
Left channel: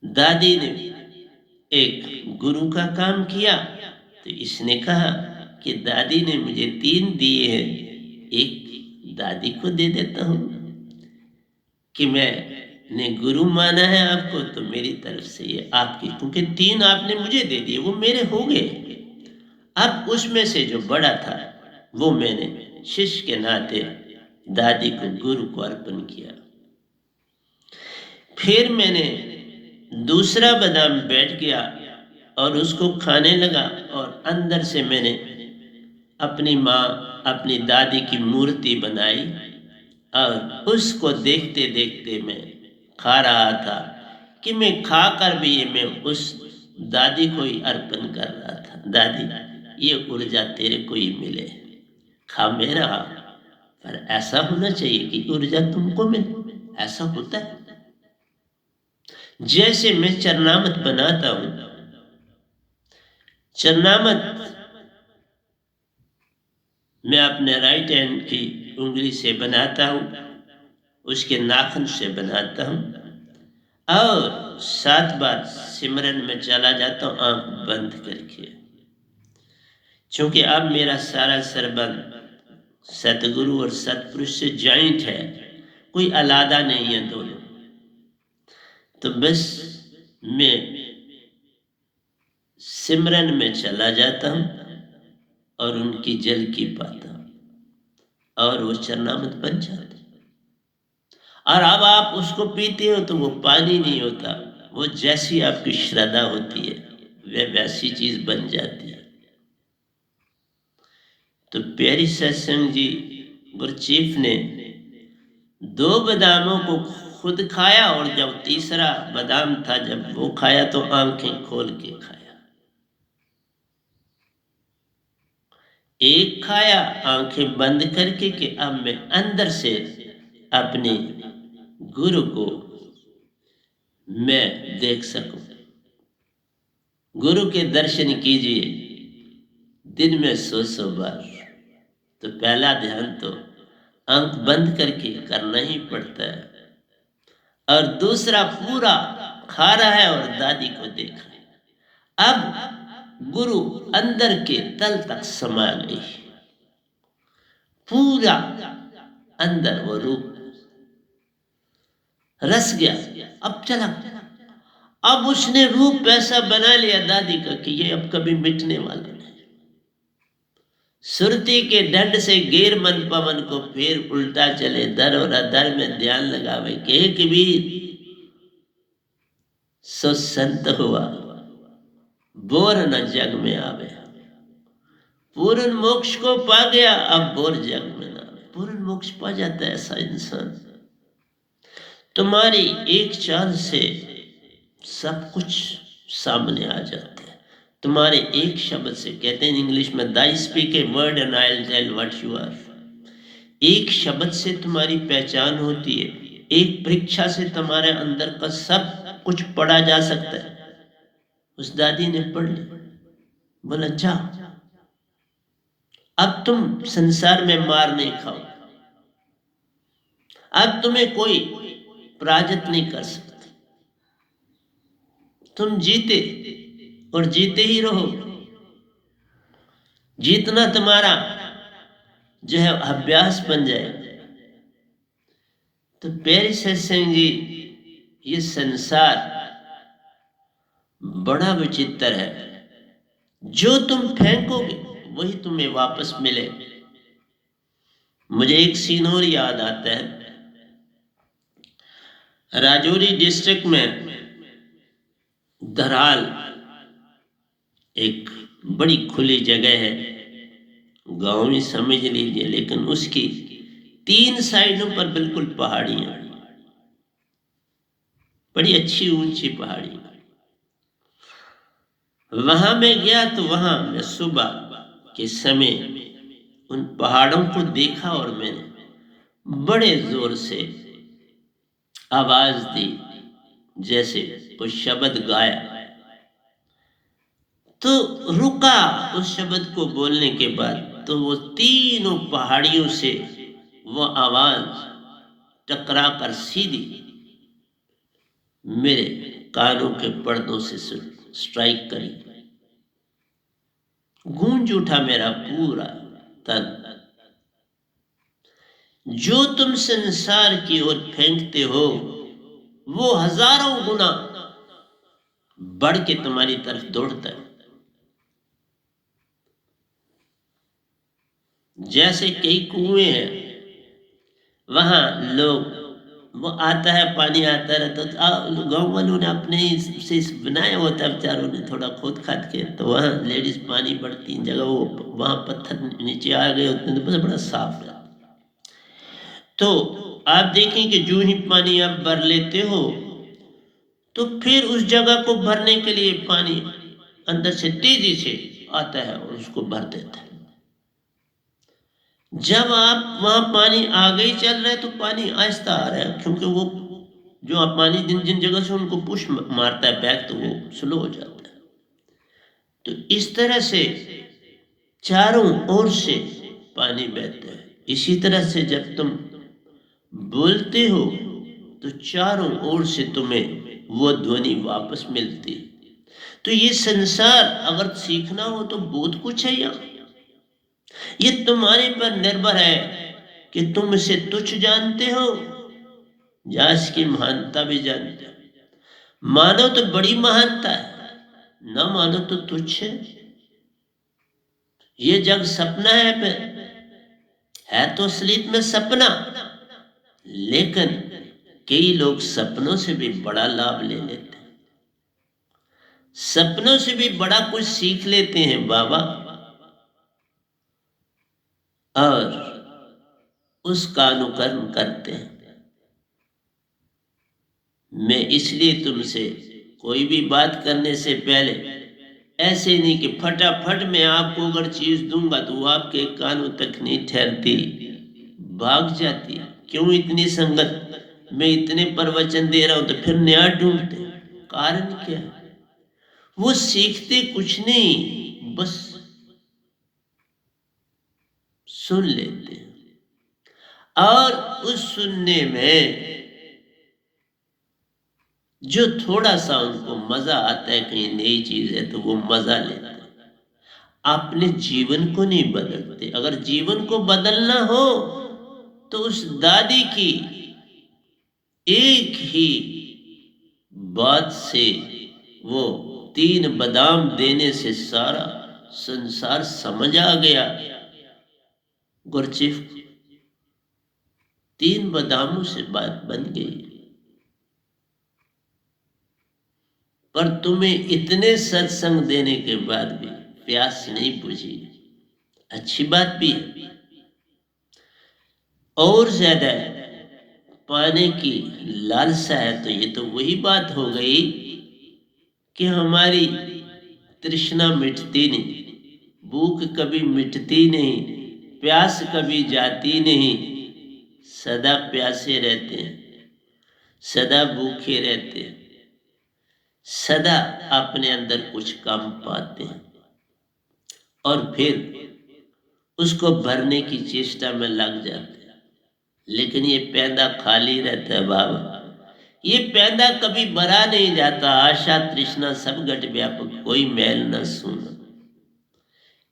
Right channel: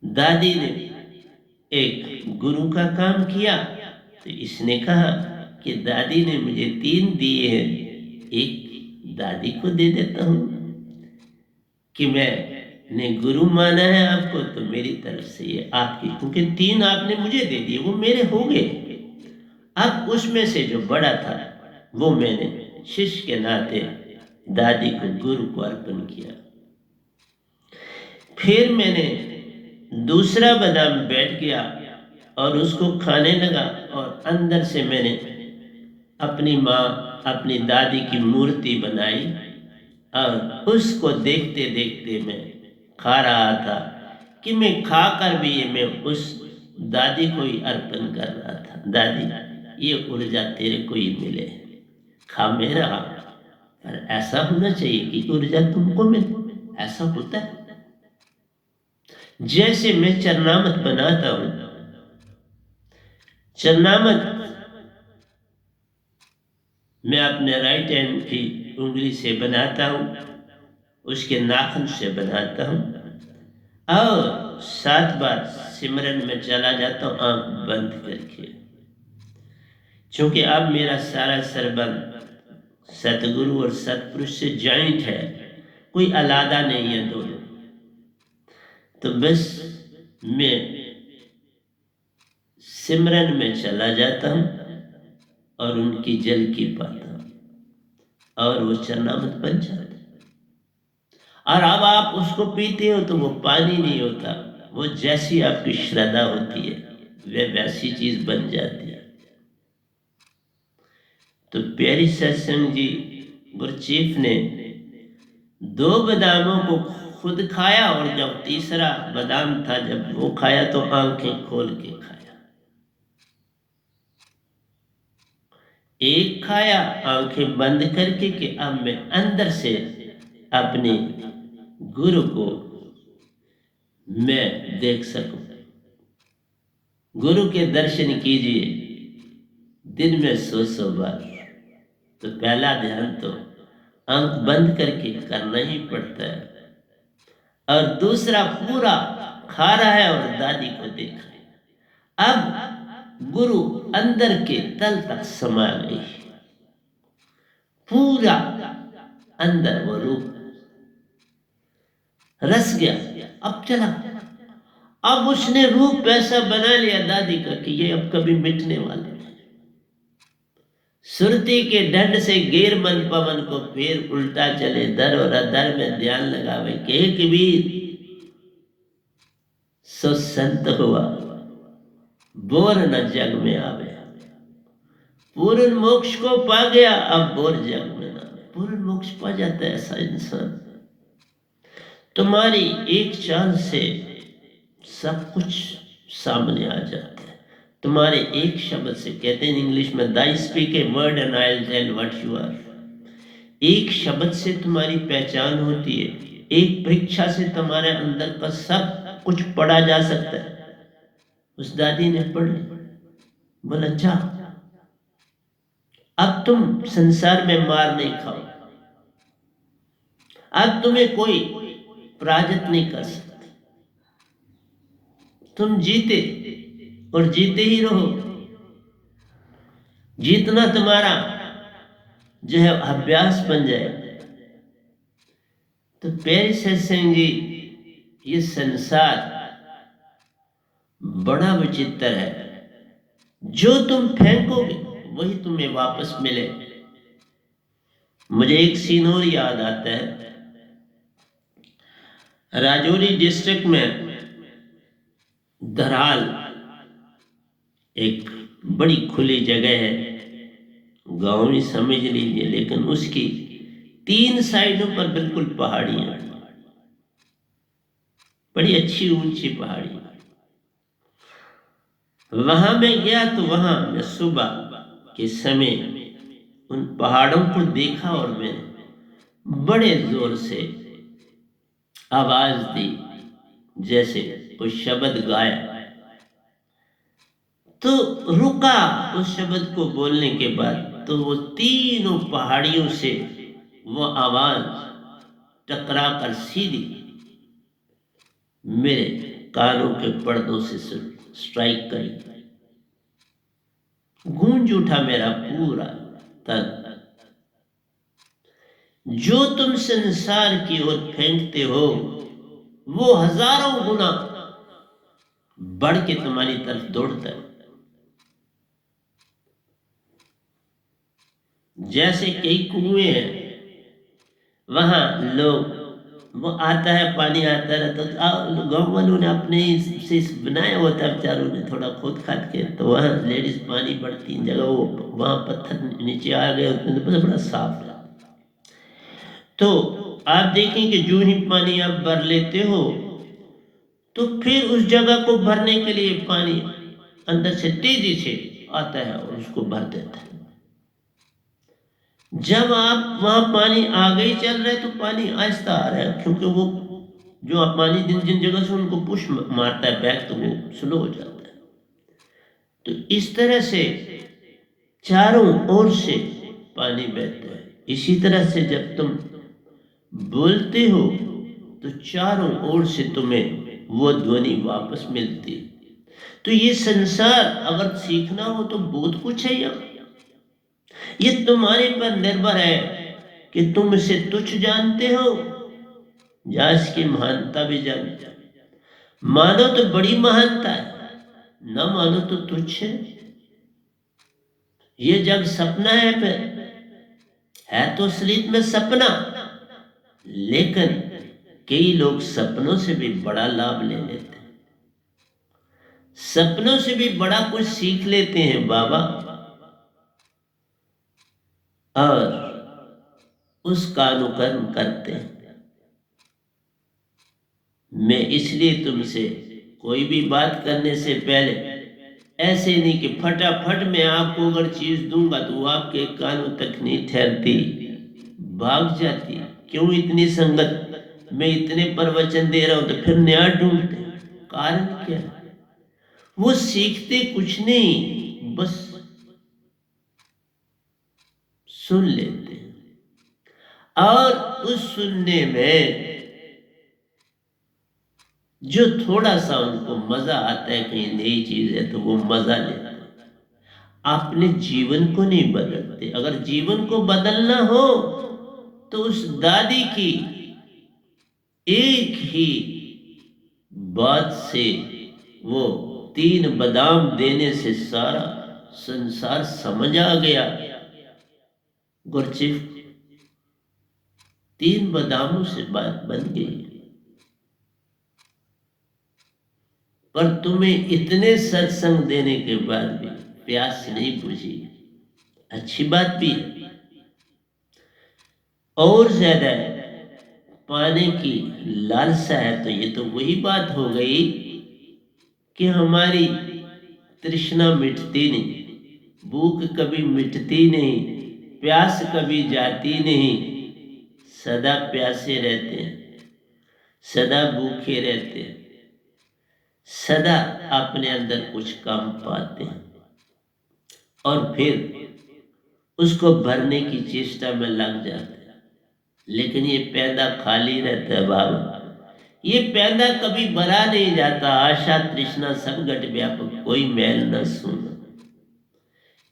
दादी ने एक गुरु का काम किया, तो इसने कहा कि दादी ने मुझे 3 दिए हैं, एक दादी को दे देता हूं कि मैंने गुरु माना है आपको, तो मेरी तरफ से ये आपकी, क्योंकि 3 आपने मुझे दे दिए, वो मेरे हो गए। अब उसमें से जो बड़ा था वो मैंने शिष्य के नाते दादी को, गुरु को अर्पण किया। फिर मैंने दूसरा बादाम बैठ गया और उसको खाने लगा और अंदर से मैंने अपनी माँ अपनी दादी की मूर्ति बनाई और उसको देखते देखते मैं खा रहा था कि मैं खाकर भी मैं उस दादी को ही अर्पण कर रहा था। दादी, ये ऊर्जा तेरे को ही मिले, खा मेरा, पर ऐसा होना चाहिए कि ऊर्जा तुमको मिले। ऐसा होता है। जैसे मैं चरनामत बनाता हूं, चरनामत मैं अपने राइट हैंड की उंगली से बनाता हूं, उसके नाखून से बनाता हूं और 7 बार सिमरन में चला जाता हूं आंख बंद करके। क्योंकि अब मेरा सारा सरबंध सतगुरु और सतपुरुष से जॉइंट है, कोई अलादा नहीं है दोनों। तो बस मैं सिमरन में चला जाता हूं और उनकी जल की पाता हूं और वो चरनामत बन जाता। और अब आप उसको पीते हो तो वो पानी नहीं होता, वो जैसी आपकी श्रद्धा होती है वह वैसी चीज बन जाती है। तो प्यारी सत्संग जी गुरचीफ ने 2 बादामों को खुद खाया और जब तीसरा बादाम था जब वो खाया तो आंखें खोल के खाया। एक खाया आंखें बंद करके कि अब मैं अंदर से अपने गुरु को मैं देख सकूं। गुरु के दर्शन कीजिए दिन में 100 बार। तो पहला ध्यान तो आंख बंद करके करना ही पड़ता है, और दूसरा पूरा खा रहा है और दादी को देख रहा है। अब गुरु अंदर के तल तक समा गई, पूरा अंदर वो रूप रस गया। अब चला, अब उसने रूप ऐसा बना लिया दादी का कि ये अब कभी मिटने वाला नहीं। सुरती के दंड से गेर मन पवन को फिर उल्टा चले, दर और अदर में ध्यान लगावे के कबीर सो संत हुआ, बोर न जग में आवे। पूर्ण मोक्ष को पा गया, अब बोर जग में ना आवे। पूर्ण मोक्ष पा जाता है ऐसा इंसान। तुम्हारी एक चाल से सब कुछ सामने आ जाता है। तुम्हारे एक शब्द से, कहते हैं इंग्लिश में they speak a word and I will tell what you are. एक शब्द से तुम्हारी पहचान होती है, एक परीक्षा से तुम्हारे अंदर का सब कुछ पढ़ा जा सकता है। उस दादी ने पढ़ ली, बोला जा अब तुम संसार में मार नहीं खाओ, अब तुम्हें कोई पराजित नहीं कर सकता, तुम जीते और जीते ही रहो। जीतना तुम्हारा जो है अभ्यास बन जाए। तो प्यारे सत्संग जी, ये संसार बड़ा विचित्र है। जो तुम फेंकोगे वही तुम्हें वापस मिले। मुझे एक सीन और याद आता है। राजौरी डिस्ट्रिक्ट में धराल एक बड़ी खुली जगह है, गांव ही समझ लीजिए, लेकिन उसकी 3 साइडों पर बिल्कुल पहाड़ियां, बड़ी अच्छी ऊंची पहाड़ी। वहां मैं गया तो वहां मैं सुबह के समय उन पहाड़ों को देखा और मैंने बड़े जोर से आवाज दी, जैसे कोई शब्द गाया। तो रुका उस शब्द को बोलने के बाद, तो वो तीनों पहाड़ियों से वो आवाज टकरा कर सीधी मेरे कानों के पर्दों से स्ट्राइक करी। गूंज उठा मेरा पूरा तन। जो तुम संसार की ओर फेंकते हो वो हजारों गुना बढ़ के तुम्हारी तरफ दौड़ता है। जैसे कई कुएं हैं, वहां लोग वो आता है, पानी आता रहता है। गाँव वालों ने अपने ही से बनाया हुआ था बेचारों ने, थोड़ा खोद खाद के, तो वहाँ लेडीज पानी भरती जगह, वो वहाँ पत्थर नीचे आ गए होते हैं तो बड़ा साफ है। तो आप देखें कि जो ही पानी आप भर लेते हो तो फिर उस जगह को भरने के लिए पानी अंदर से तेजी से आता है और उसको भर देता है। जब आप वहां पानी आगे ही चल रहे तो पानी आहिस्ता आ रहा है, क्योंकि वो जो आप पानी जिन जिन जगह से उनको पुश मारता है बैक, तो वो स्लो हो जाता है। तो इस तरह से चारों ओर से पानी बहता है। इसी तरह से जब तुम बोलते हो तो चारों ओर से तुम्हें वो ध्वनि वापस मिलती है। तो ये संसार अगर सीखना हो तो बहुत कुछ है यहाँ। ये तुम्हारे पर निर्भर है कि तुम इसे तुच्छ जानते हो या इसकी महानता भी जानते हो। मानो तो बड़ी महानता है, न मानो तो तुच्छ है। ये जग सपना है, फिर है तो असलियत में सपना, लेकिन कई लोग सपनों से भी बड़ा लाभ ले लेते हैं, सपनों से भी बड़ा कुछ सीख लेते हैं बाबा, और उसका अनुकरण करते हैं। मैं इसलिए तुमसे कोई भी बात करने से पहले ऐसे नहीं कि फटाफट मैं आपको अगर चीज दूंगा तो वो आपके कानों तक नहीं ठहरती, भाग जाती। क्यों इतनी संगत, मैं इतने प्रवचन दे रहा हूं तो फिर नया ढूंढते, कारण क्या है? वो सीखते कुछ नहीं, बस सुन लेते हैं, और उस सुनने में जो थोड़ा सा उनको मजा आता है, कहीं नई चीज है तो वो मजा लेते हैं। अपने जीवन को नहीं बदलते। अगर जीवन को बदलना हो तो उस दादी की एक ही बात से, वो 3 बादाम देने से सारा संसार समझ आ गया। गुरचिफ 3 बादामों से बात बन गई। पर तुम्हें इतने सत्संग देने के बाद भी प्यास नहीं बुझी, अच्छी बात भी है। और ज्यादा पाने की लालसा है तो ये तो वही बात हो गई कि हमारी तृष्णा मिटती नहीं, भूख कभी मिटती नहीं, प्यास कभी जाती नहीं, सदा प्यासे रहते हैं, सदा भूखे रहते हैं, सदा अपने अंदर कुछ कम पाते हैं और फिर उसको भरने की चेष्टा में लग जाते हैं। लेकिन ये पैदा खाली रहता है बाबा, ये पैदा कभी भरा नहीं जाता। आशा तृष्णा सब घट व्यापक, कोई मैल न सुन।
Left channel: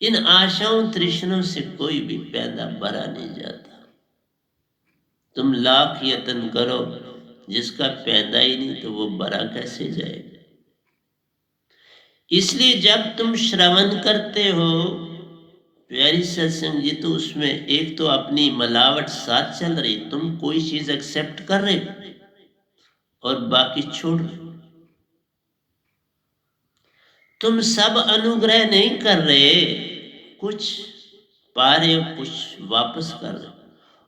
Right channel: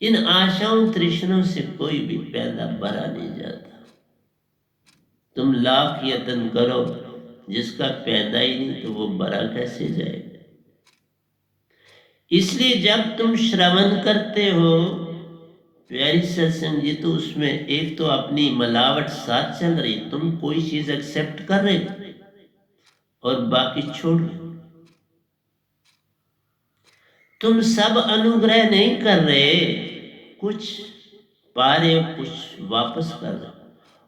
इन आशाओं तृष्णों से कोई भी पैदा भरा नहीं जाता। तुम लाख यत्न करो, जिसका पैदा ही नहीं तो वो भरा कैसे जाएगा? इसलिए जब तुम श्रवण करते हो प्यारी सत्संग जी, तो उसमें एक तो अपनी मिलावट साथ चल रही, तुम कोई चीज एक्सेप्ट कर रहे और बाकी छोड़ रहे। तुम सब अनुग्रह नहीं कर रहे, कुछ पा रहे हो, कुछ वापस कर रहे हो।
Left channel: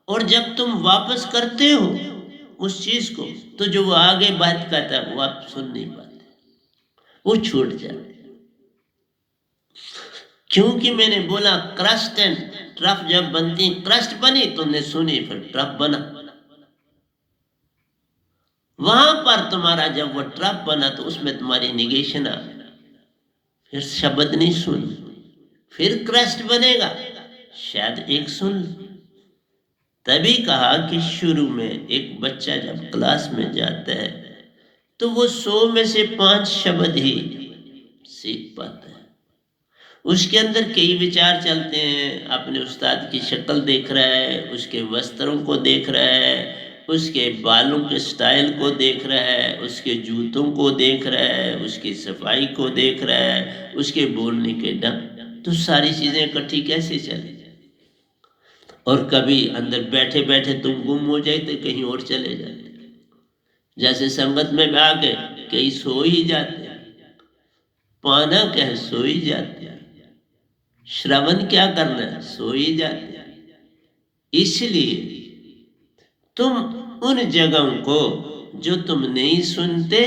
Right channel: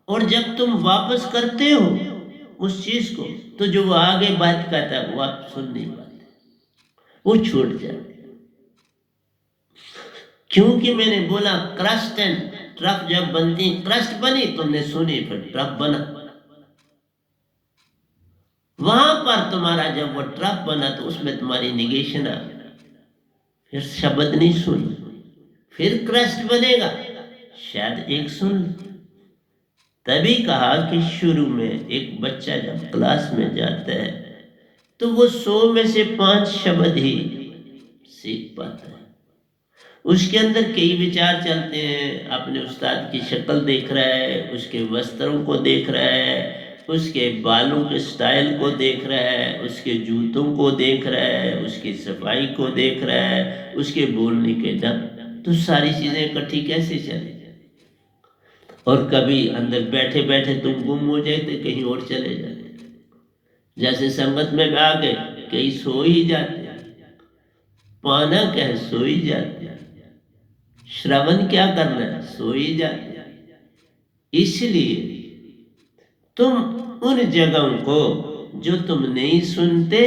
और जब तुम वापस करते हो उस चीज को, तो जो वो आगे बात कहता है वो आप सुन नहीं पाते, वो छूट जाते। क्योंकि मैंने बोला क्रस्ट एंड ट्रफ जब बनती, क्रस्ट बनी तुमने सुनी, फिर ट्रफ बना। वहां पर तुम्हारा जब वो ट्रफ बना तो उसमें तुम्हारी निगेशन आ गई, फिर शब्द नहीं सुनी, फिर क्रस्ट बनेगा, शायद एक सुन। तभी कहा कि शुरू में एक बच्चा जब क्लास में जाता है तो वो 100 में से 5 शब्द ही सीख पाता है। उसके अंदर कई विचार चलते हैं, अपने उस्ताद की शक्ल देख रहा है, उसके वस्त्रों को देख रहा है, उसके बालों के स्टाइल को देख रहा है, उसके जूतों को देख रहा है, उसकी सफाई को देख रहा है, उसके बोलने के ढंग। तो सारी चीजें इकट्ठी कैसे चले? और कभी अंदर बैठे बैठे तुम गुम हो जाए तो कहीं और चले जाते। जैसे संगत में आ गए, कई सो ही जाते हैं, पाना क्या है, सो ही जाते हैं, श्रवण क्या करना है, सो ही जाते हैं। इसलिए तुम उन जगहों को जो तुम नहीं सुनते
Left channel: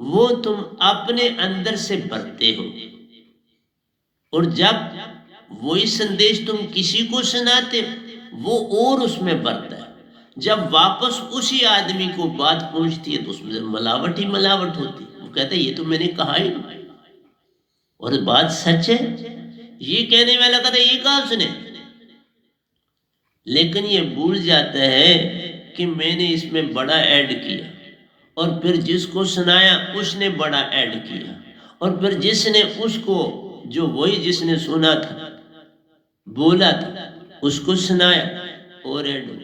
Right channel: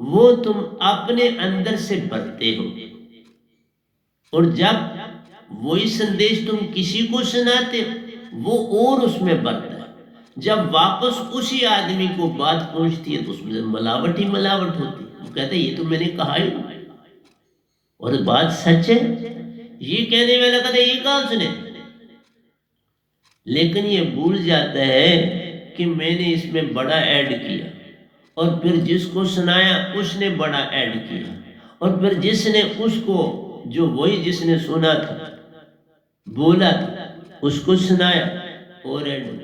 वो तुम अपने अंदर से भरते हो, और जब वही संदेश तुम किसी को सुनाते वो और उसमें बढ़ता है। जब वापस उसी आदमी को बात पहुंचती है तो उसमें मिलावट ही मिलावट होती है। वो कहते ये तो मैंने कहा ही नहीं, और बात सच है। ये कहने वाला कहता ये कहा उसने, लेकिन ये भूल जाता है कि मैंने इसमें बड़ा ऐड किया, और फिर जिसको सुनाया उसने बड़ा ऐड किया, और फिर जिसने उसको जो वही जिसने सुना था बोला था उसको सुनाया और ऐड।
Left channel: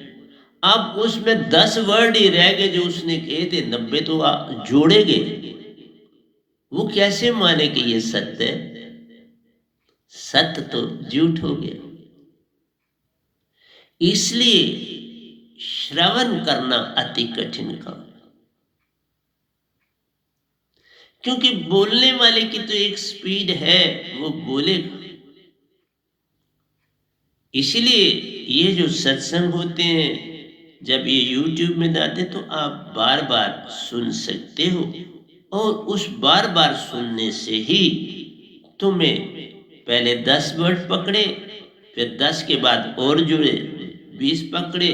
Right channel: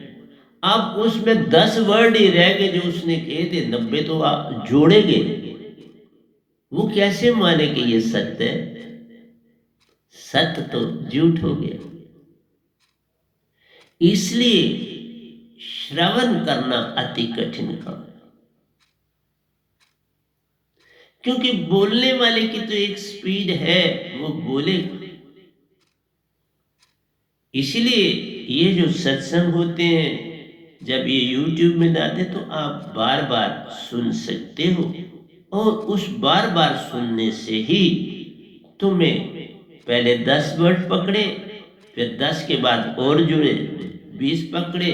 अब उसमें 10 वर्ड ही रह गए जो उसने कहे थे, 90 तो जोड़े गए। वो कैसे माने कि ये सत्य है? सत्य तो झूठ हो गया। इसलिए श्रवण करना अति कठिन काम, क्योंकि बोलने वाले की तो एक स्पीड है, वो बोलेगा। इसलिए ये जो सत्संग होते हैं जब ये YouTube में डालते तो आप बार बार सुन सकते हो, और उस बार बार सुनने से ही तुम्हें पहले 10 वर्ड पकड़े, फिर 10 के बाद और जुड़े, 20 पकड़े,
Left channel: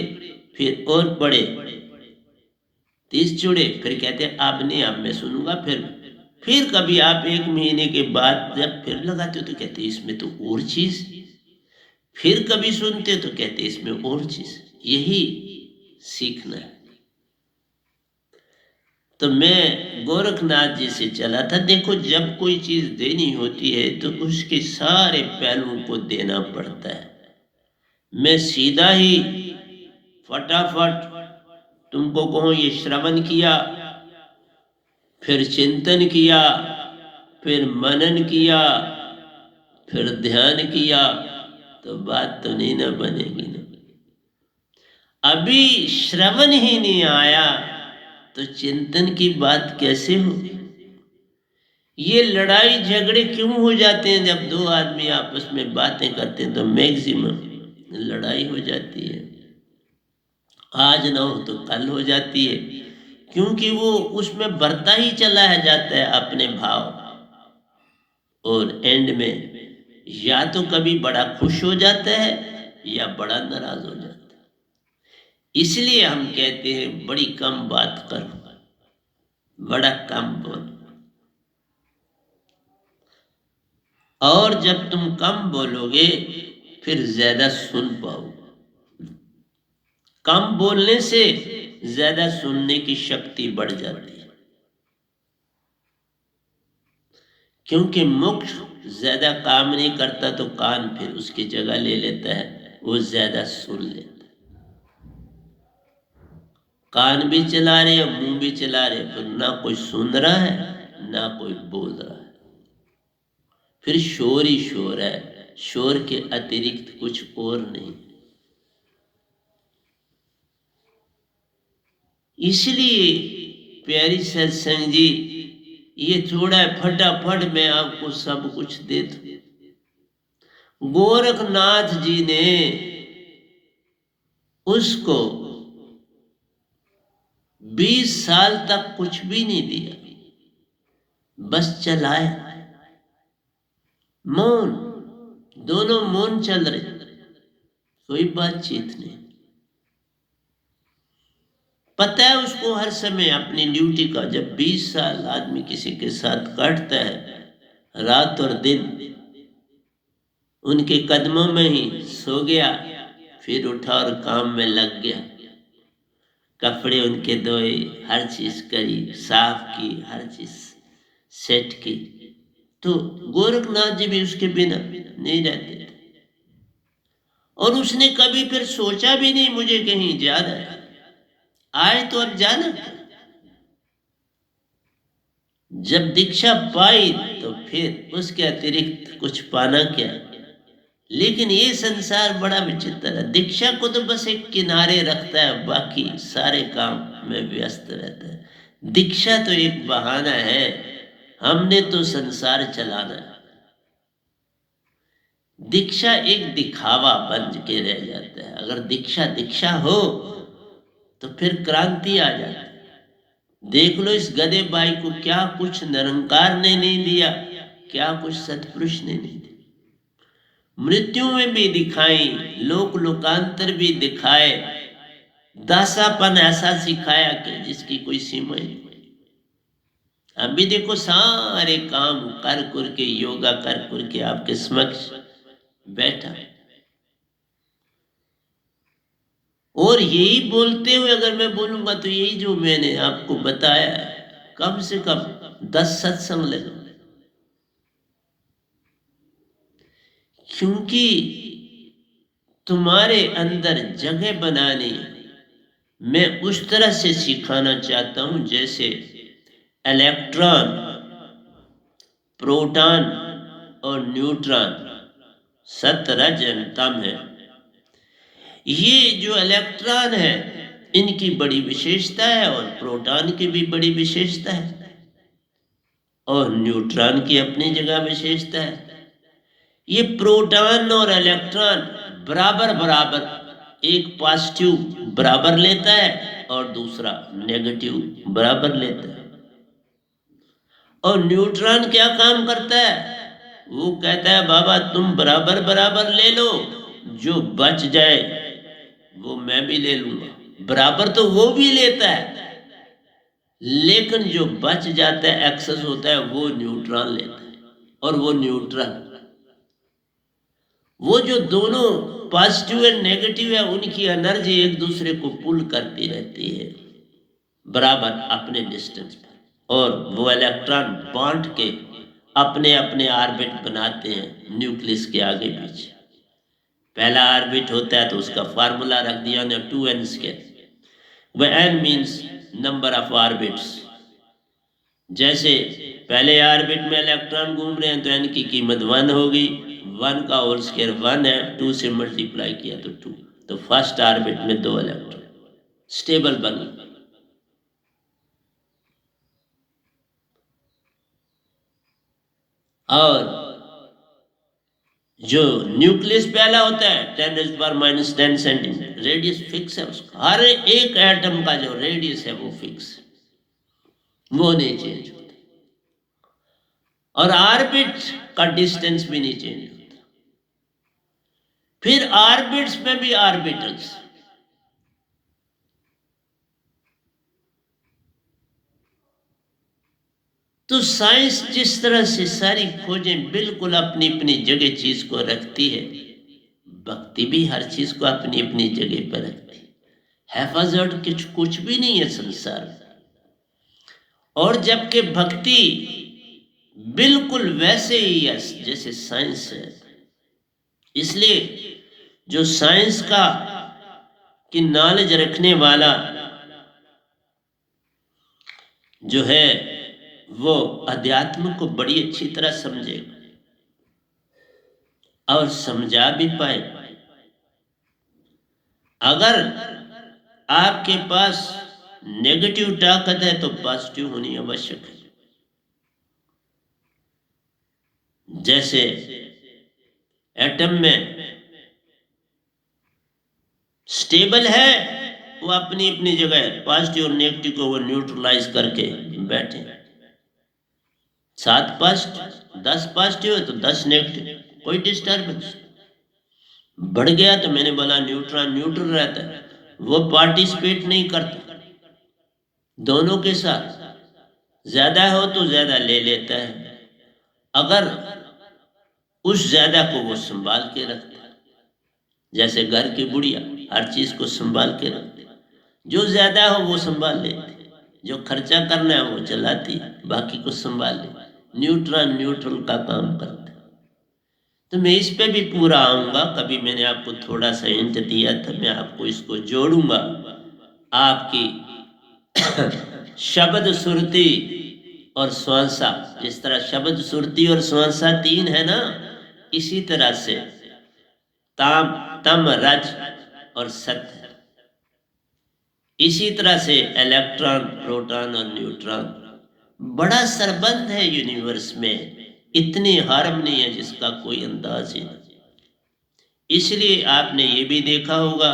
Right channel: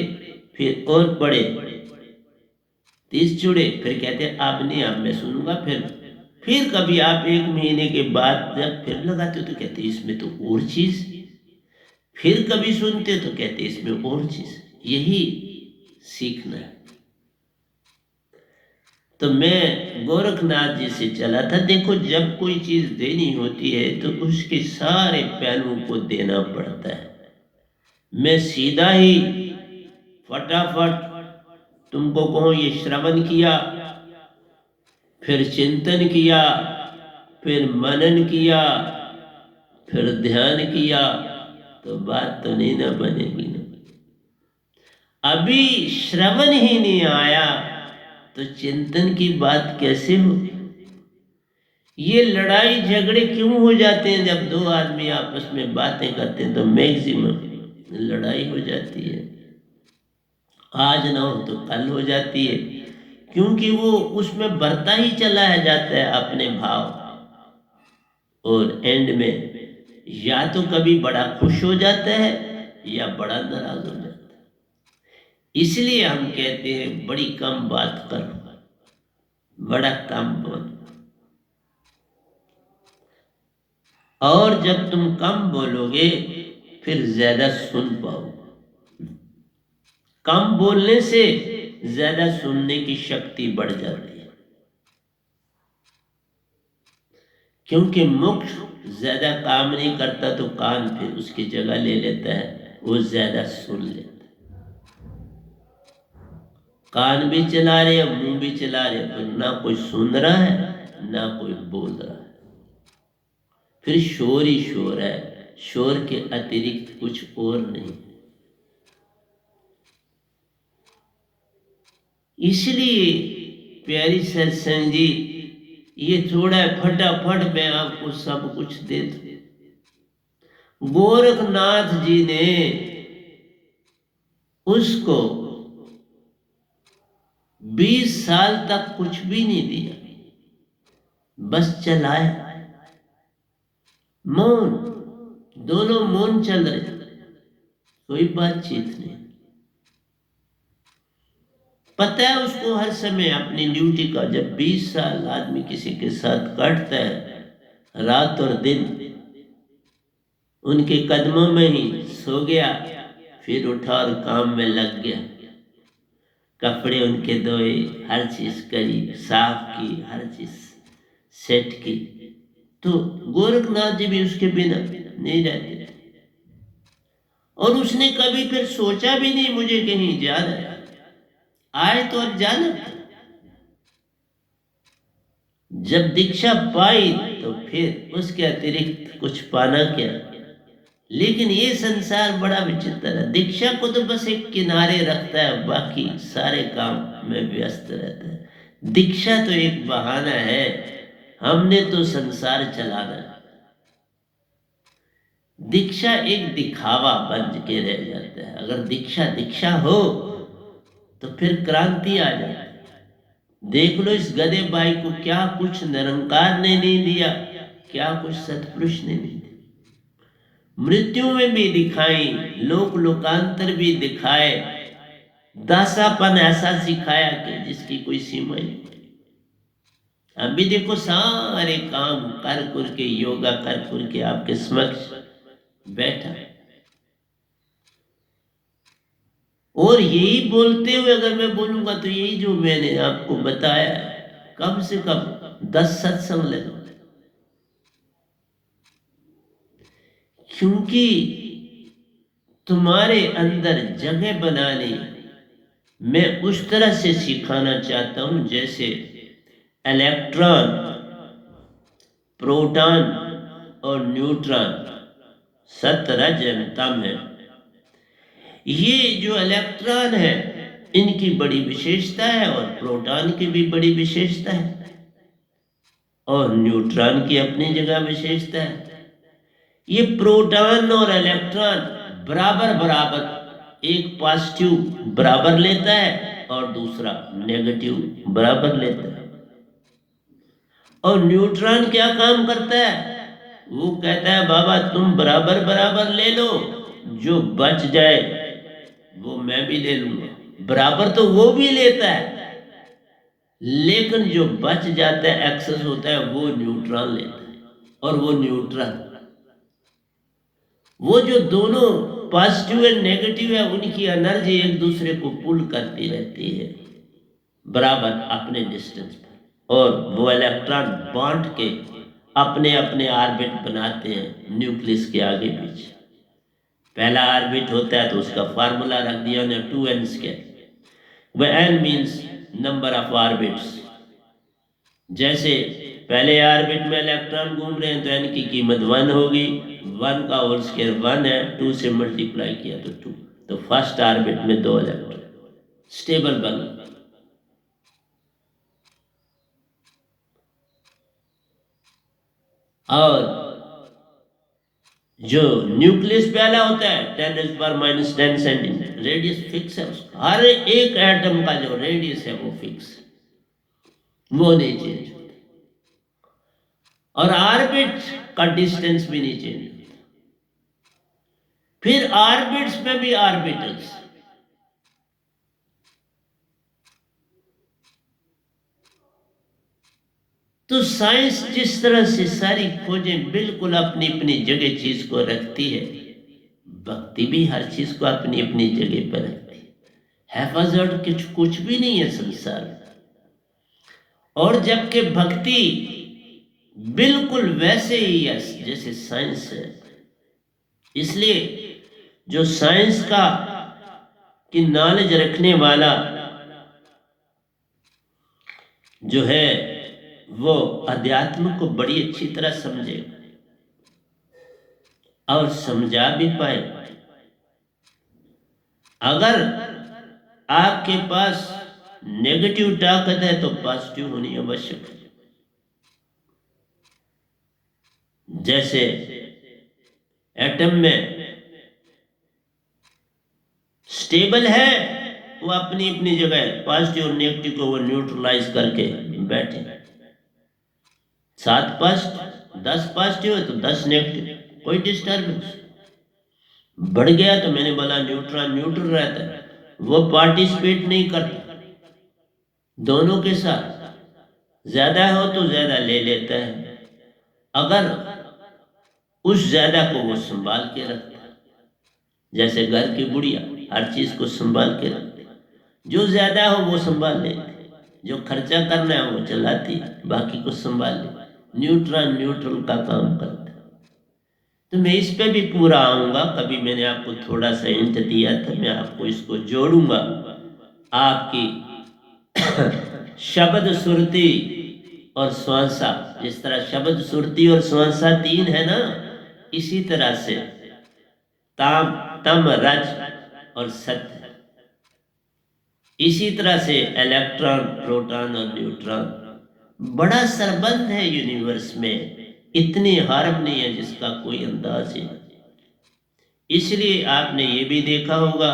फिर और पढ़े, 30 जुड़े, फिर कहते हैं अब नहीं, अब मैं सुनूंगा। फिर कभी आप 1 महीने के बाद जब फिर लगाते हो तो कहते इसमें तो और चीज, फिर कभी सुनते हो तो कहते इसमें और चीज। यही सीखना है। तो मैं गोरखनाथ जी से चला था। देखो जब कोई चीज देनी होती है तो उसके सारे पहलुओं को देना पड़ता है। मैं सीधा ही फटाफट तुमको कहूं ये श्रवण किया, फिर चिंतन किया, फिर मनन किया, फिर ध्यान किया, तो बात तो नहीं ना बनेगी ना। अभी श्रवण ही नहीं आया तो चिंतन की बात कैसे होगी? ये लड़ाई झगड़े क्यों हो जाते हैं? जब 2 आदमी आपस में बातें करते हैं तो मैक्सिमम लड़ाई हो जाती है। आज ना हो तो कल हो जाती है, क्योंकि वो उसमें बढ़ता ही चला है जाता है अपने भाव, और एंड में या तो कभी बड़ा खुश हो जाता है या बड़ा नाराज हो जाता है। इसलिए हम कहते हैं बड़ी कम बात कर, बड़ा कम बोल। और जब तुम कम बोलोगे फिर ज्यादा सुन पाओगे। कम बोलने से ज्यादा सुनने की शक्ति बढ़ जाती है, क्योंकि मुख ज्यादा काम नहीं करता तो कान फिर उसकी जगह ले लेता है, वो ज्यादा सुन लेता है। कान भी चला रहे हैं, मुंह भी चला रहे हैं, फिर ना कोई सुन रहा है ना कोई बोल रहा है, फिर शोर ही शोर है। शोर के अतिरिक्त कुछ और नहीं। इसलिए प्यारी सत्संग जी, ये थोड़ा फटाफट मैं आपको सब कुछ दे दूं। गोरखनाथ जी ने उसको 20 साल तक कुछ भी नहीं दिया, बस चलाया। मौन, दोनों मौन चल रहे, कोई बातचीत नहीं। पता है उसको हर समय अपनी ड्यूटी का, जब 20 साल आदमी किसी के साथ काटता है रात और दिन, उनके कदमों में ही सो गया, फिर उठा और काम में लग गया। कपड़े उनके धोए, हर चीज करी, साफ की, हर चीज सेट की। तो गोरखनाथ जी भी उसके बिना नहीं रहते। और उसने कभी फिर सोचा भी नहीं मुझे कहीं जाना है, आए तो अब जाना। जब दीक्षा पाई तो फिर उसके अतिरिक्त कुछ पाना क्या? लेकिन ये संसार बड़ा विचित्र है। दीक्षा को तो बस एक किनारे रखता है, बाकी सारे काम में व्यस्त रहता है। दीक्षा तो एक बहाना है, हमने तो संसार चलाना है। दीक्षा एक दिखावा बन के रह जाता है। अगर दीक्षा दीक्षा हो तो फिर क्रांति आ जाती है। देख लो इस गधे बाई को, क्या कुछ निरंकार ने नहीं दिया, क्या कुछ सतपुरुष ने नहीं दिया। मृत्यु में भी दिखाई, लोक लोकांतर भी दिखाए, दासापन ऐसा सिखाया कि जिसकी कोई सीमा ही नहीं। अभी देखो सारे काम कर कर के, योगा कर कर के आपके समक्ष बैठा है, और यही बोलते हुए अगर मैं बोलूंगा तो यही जो मैंने आपको बताया है, कम से कम 10 सत्संग लगे। क्योंकि तुम्हारे अंदर जगह बनाने मैं उस तरह से सिखाना चाहता हूं जैसे इलेक्ट्रॉन, प्रोटॉन और न्यूट्रॉन सत रज तम है। ये जो इलेक्ट्रॉन है इनकी बड़ी विशेषता है, और प्रोटॉन की भी बड़ी विशेषता है, और न्यूट्रॉन की अपनी जगह विशेषता है। ये प्रोटॉन और इलेक्ट्रॉन बराबर बराबर, एक पॉजिटिव बराबर लेता है और दूसरा नेगेटिव बराबर लेता है। और न्यूट्रॉन क्या काम करता है? वो कहता है बाबा तुम बराबर बराबर ले लो, जो बच जाए वो मैं भी ले लूंगा। बराबर तो वो भी लेता है, लेकिन जो बच जाता है, एक्सेस होता है, वो न्यूट्रॉन लेता है। और वो न्यूट्रॉन, वो जो दोनों पॉजिटिव और नेगेटिव है, उनकी एनर्जी एक दूसरे को पुल करती रहती है बराबर अपने डिस्टेंस पर, और वो इलेक्ट्रॉन बांट के अपने अपने ऑर्बिट बनाते हैं न्यूक्लियस के आगे पीछे। पहला ऑर्बिट होता है तो उसका फार्मूला रख दिया ना 2n², वह n means number of orbits. जैसे पहले ऑर्बिट में इलेक्ट्रॉन घूम रहे हैं तो n की कीमत 1 होगी, 1 का होल स्क्वायर 1 है, 2 से मल्टीप्लाई किया तो 2। तो फर्स्ट ऑर्बिट में 2 इलेक्ट्रॉन स्टेबल बन गए। और जो न्यूक्लियस पहला होता है 10⁻⁻10 सेंटीमीटर, रेडियस फिक्स है उसका। हर एक एटम का जो रेडियस है वो फिक्स है, वो नहीं चेंज होता। और ऑर्बिट का डिस्टेंस भी नहीं चेंज होता। फिर ऑर्बिट्स में भी ऑर्बिटल्स, तो साइंस जिस तरह से सारी खोजें बिल्कुल अपनी अपनी जगह चीज को रखती है, भक्ति भी हर चीज को अपनी अपनी जगह पर रखती है। हैफाजत कुछ भी नहीं है संसार में। और जबकि भक्ति बिल्कुल वैसे ही है जैसे साइंस है। इसलिए जो साइंस का की नॉलेज रखने वाला जो है वो अध्यात्म को बड़ी अच्छी तरह समझेगा और समझा भी पाए। अगर आपके पास नेगेटिव ताकत है तो पॉजिटिव होनी आवश्यक है। जैसे एटम में स्टेबल है, वो अपनी अपनी जगह पॉजिटिव और नेगेटिव को वो न्यूट्रलाइज करके बैठे। 7 पॉजिटिव 10 पॉजिटिव है तो 10 नेगेटिव, कोई डिस्टर्बेंस। बढ़ गया तो मैंने बोला न्यूट्रॉन न्यूट्रल रहता है, वो पार्टिसिपेट नहीं करता। दोनों के साथ ज्यादा हो तो ज्यादा ले लेता है, अगर उस ज्यादा को वो संभाल के रखता है। जैसे घर की बुढ़िया हर चीज को संभाल के रखती, जो ज्यादा हो वो संभाल लेती, जो खर्चा करना है वो चलाती, बाकी को संभाल ले। न्यूट्रॉन न्यूट्रल का काम करता है। तो मैं इस पे भी पूरा आऊंगा। कभी मैंने आपको थोड़ा सा हिंट दिया था, मैं आपको इसको जोड़ूंगा। आपकी शब्द सुरती और श्वासा, जिस तरह शब्द सुरती और श्वासा 3 है ना, इसी तरह से ताम, तम, रज और सत्य। इसी तरह से इलेक्ट्रॉन, प्रोटॉन और न्यूट्रॉन, बड़ा संबंध है यूनिवर्स में, इतनी हार्मनी है जिसका कोई अंदाज ही नहीं। इसलिए आपने ये भी देखा होगा,